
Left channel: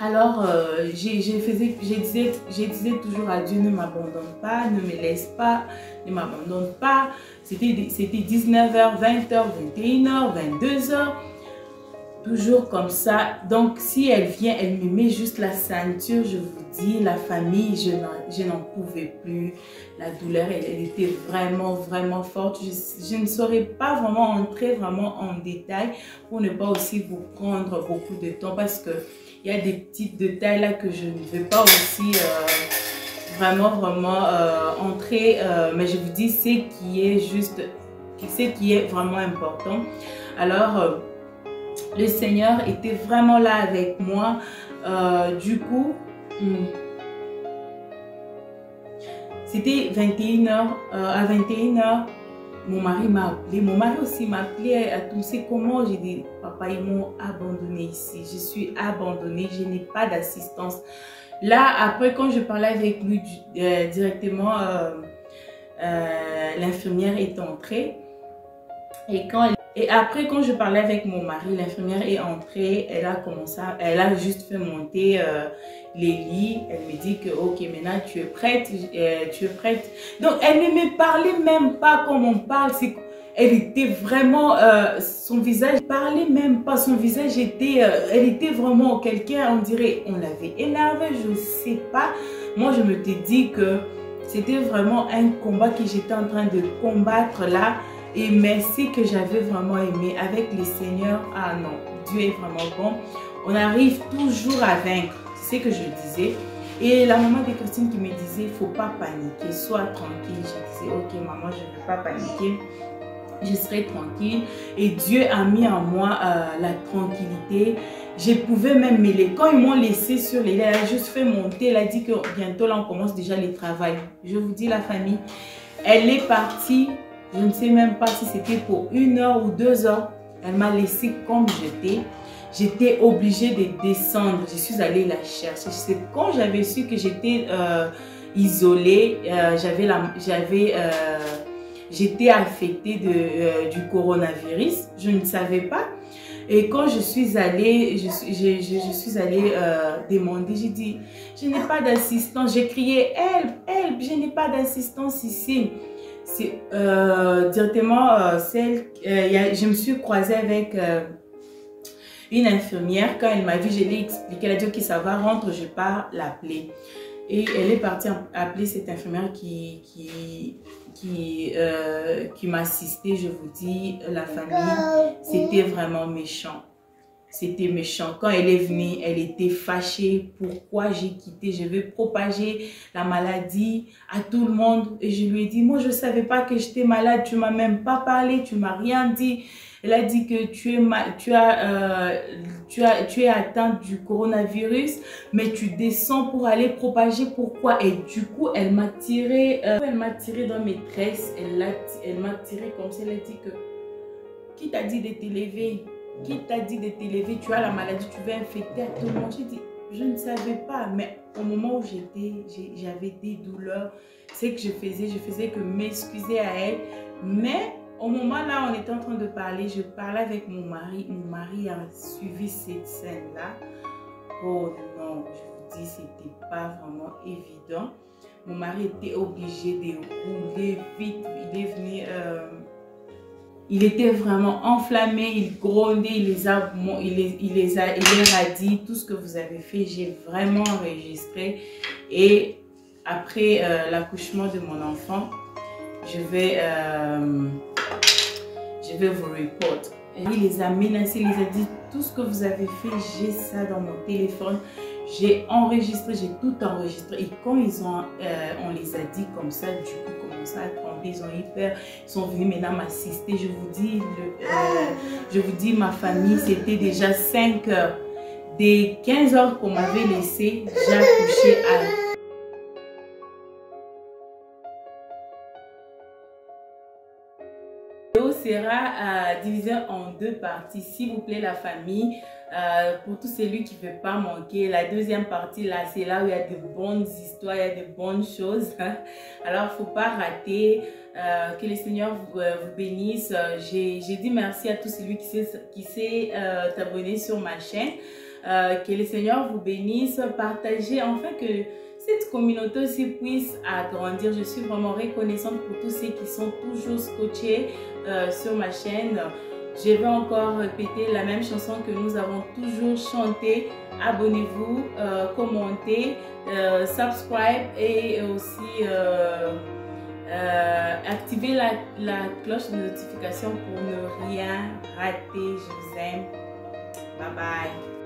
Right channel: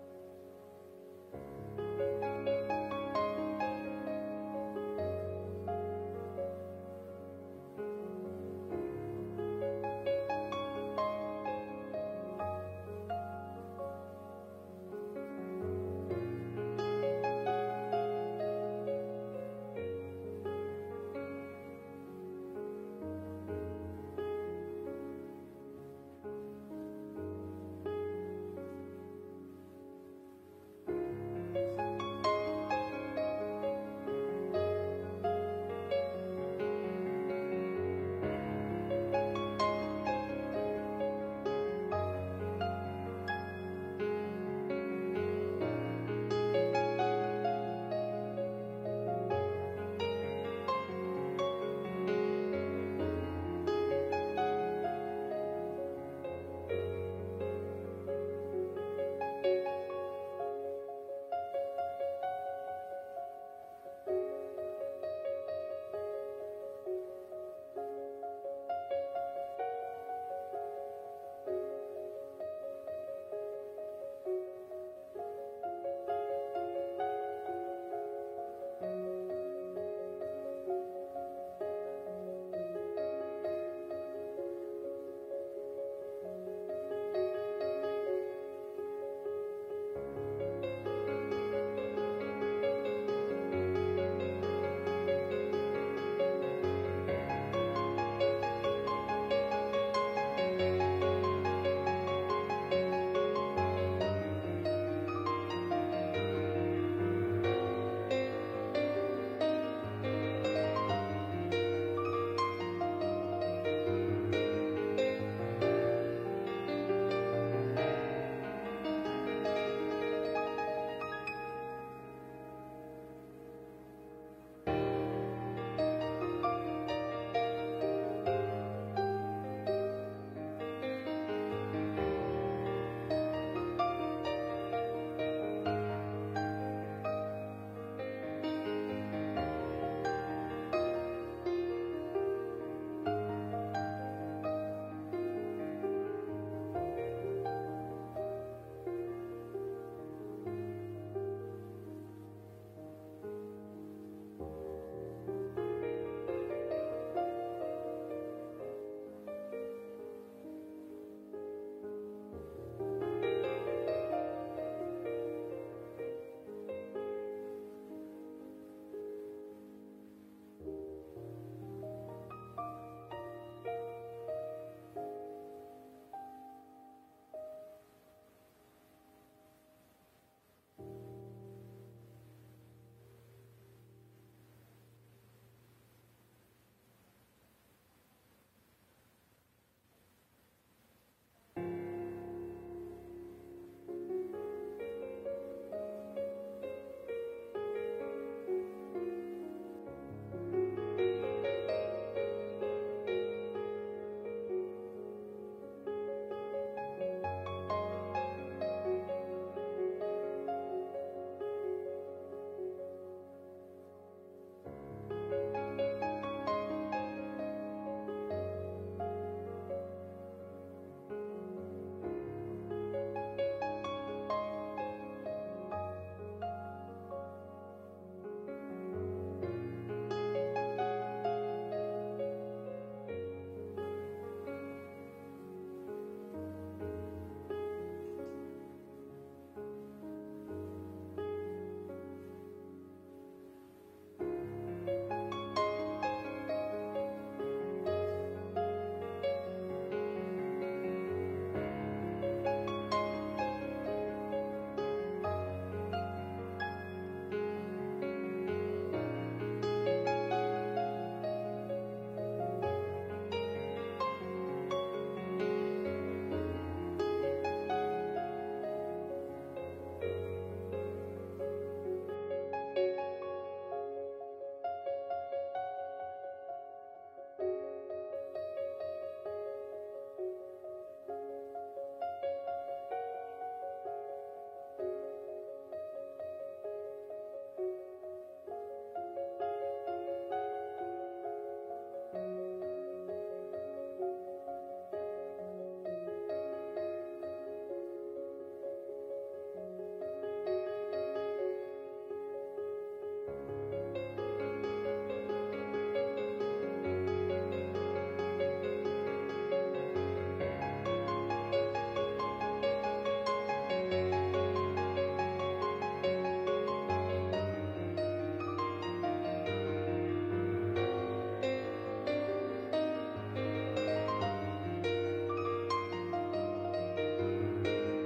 Alors, je disais toujours à Dieu, ne m'abandonne pas, ne me laisse pas, ne m'abandonne pas. C'était 19 h, 20 h, 21 h, 22 h. Toujours comme ça. Donc, si elle vient, elle me met juste la ceinture. Je vous dis, la famille, je n'en pouvais plus. La douleur, elle était vraiment forte. Je ne saurais pas vraiment entrer vraiment en détail pour ne pas aussi vous prendre beaucoup de temps parce que il y a des petits détails là que je ne veux pas aussi vraiment entrer. Mais je vous dis ce qui est vraiment important. Alors, le Seigneur était vraiment là avec moi. Du coup, c'était 21 h. À 21 h, mon mari m'a appelé. Mon mari aussi m'a appelé à tout. C'est comment j'ai dit, papa, ils m'ont abandonné ici. Je suis abandonnée. Je n'ai pas d'assistance. Là, après, quand je parlais avec lui directement, l'infirmière est entrée. Et après, quand je parlais avec mon mari, l'infirmière est entrée. Elle a juste fait monter les lits. Elle me dit que, ok, maintenant tu es prête. Donc, elle ne me parlait même pas comme on parle. Elle était vraiment, son visage parlait même pas. Son visage était, elle était vraiment quelqu'un, on dirait, on l'avait énervé, je ne sais pas. Moi, je me suis dit que c'était vraiment un combat que j'étais en train de combattre là. Et merci que j'avais vraiment aimé avec le Seigneur. Ah non, Dieu est vraiment bon. On arrive toujours à vaincre, c'est ce que je disais. Et la maman de Christine qui me disait, il ne faut pas paniquer, sois tranquille. Je disais, ok maman, je ne vais pas paniquer. Je serai tranquille. Et Dieu a mis en moi la tranquillité. Je pouvais même mêler. Quand ils m'ont laissé sur les lits, elle a juste fait monter. Elle a dit que bientôt là, on commence déjà les travaux. Je vous dis la famille, elle est partie Je ne sais même pas si c'était pour 1 heure ou 2 heures. Elle m'a laissé comme j'étais. J'étais obligée de descendre. Je suis allée la chercher. C'est quand j'avais su que j'étais isolée, j'étais affectée du coronavirus. Je ne savais pas. Et quand je suis allée, je suis allée demander, j'ai dit, je n'ai pas d'assistance. J'ai crié, help, help, je n'ai pas d'assistance ici. C'est directement je me suis croisée avec une infirmière. Quand elle m'a vu, je l'ai expliqué. Elle a dit, ok, ça va, rentre, je pars l'appeler. Et elle est partie appeler cette infirmière qui m'assistait. Je vous dis, la famille, c'était vraiment méchant. C'était méchant. Quand elle est venue, elle était fâchée. Pourquoi j'ai quitté? Je vais propager la maladie à tout le monde. Et je lui ai dit, moi, je ne savais pas que j'étais malade. Tu ne m'as même pas parlé. Tu ne m'as rien dit. Elle a dit que tu es atteinte du coronavirus, mais tu descends pour aller propager. Pourquoi? Et du coup, elle m'a tiré dans mes tresses. Elle m'a tiré comme ça. Elle a dit que, qui t'a dit de t'élever? Qui t'a dit de t'élever? Tu as la maladie, tu vas infecter à tout le monde. J'ai dit, je ne savais pas, mais au moment où j'avais des douleurs, c'est que je faisais que m'excuser à elle. Mais au moment là, on était en train de parler, je parlais avec mon mari. Mon mari a suivi cette scène-là. Oh non, je vous dis, c'était pas vraiment évident. Mon mari était obligé de rouler vite. Il est venu... il était vraiment enflammé, il grondait, il les a dit, tout ce que vous avez fait, j'ai vraiment enregistré. Et après l'accouchement de mon enfant, je vais vous reporter. Il les a menacés, il les a dit, tout ce que vous avez fait, j'ai ça dans mon téléphone. J'ai enregistré, j'ai tout enregistré. Et quand on les a dit comme ça, du coup, commencé à trembler, ils sont venus maintenant m'assister. Je vous dis, ma famille, c'était déjà 5 heures. Des 15 heures qu'on m'avait laissé, j'ai accouché à... La vidéo sera divisée en 2 parties. S'il vous plaît, la famille, pour tous celui qui ne veut pas manquer, la deuxième partie, là, c'est là où il y a de bonnes histoires, il y a de bonnes choses. Alors, il ne faut pas rater. Que le Seigneur vous bénisse. J'ai dit merci à tous celui qui s'est abonné sur ma chaîne. Que le Seigneur vous bénisse. Partagez, enfin que cette communauté aussi puisse agrandir. Je suis vraiment reconnaissante pour tous ceux qui sont toujours scotchés sur ma chaîne. Je vais encore répéter la même chanson que nous avons toujours chantée. Abonnez-vous, commentez, subscribe et aussi activez la cloche de notification pour ne rien rater. Je vous aime. Bye bye.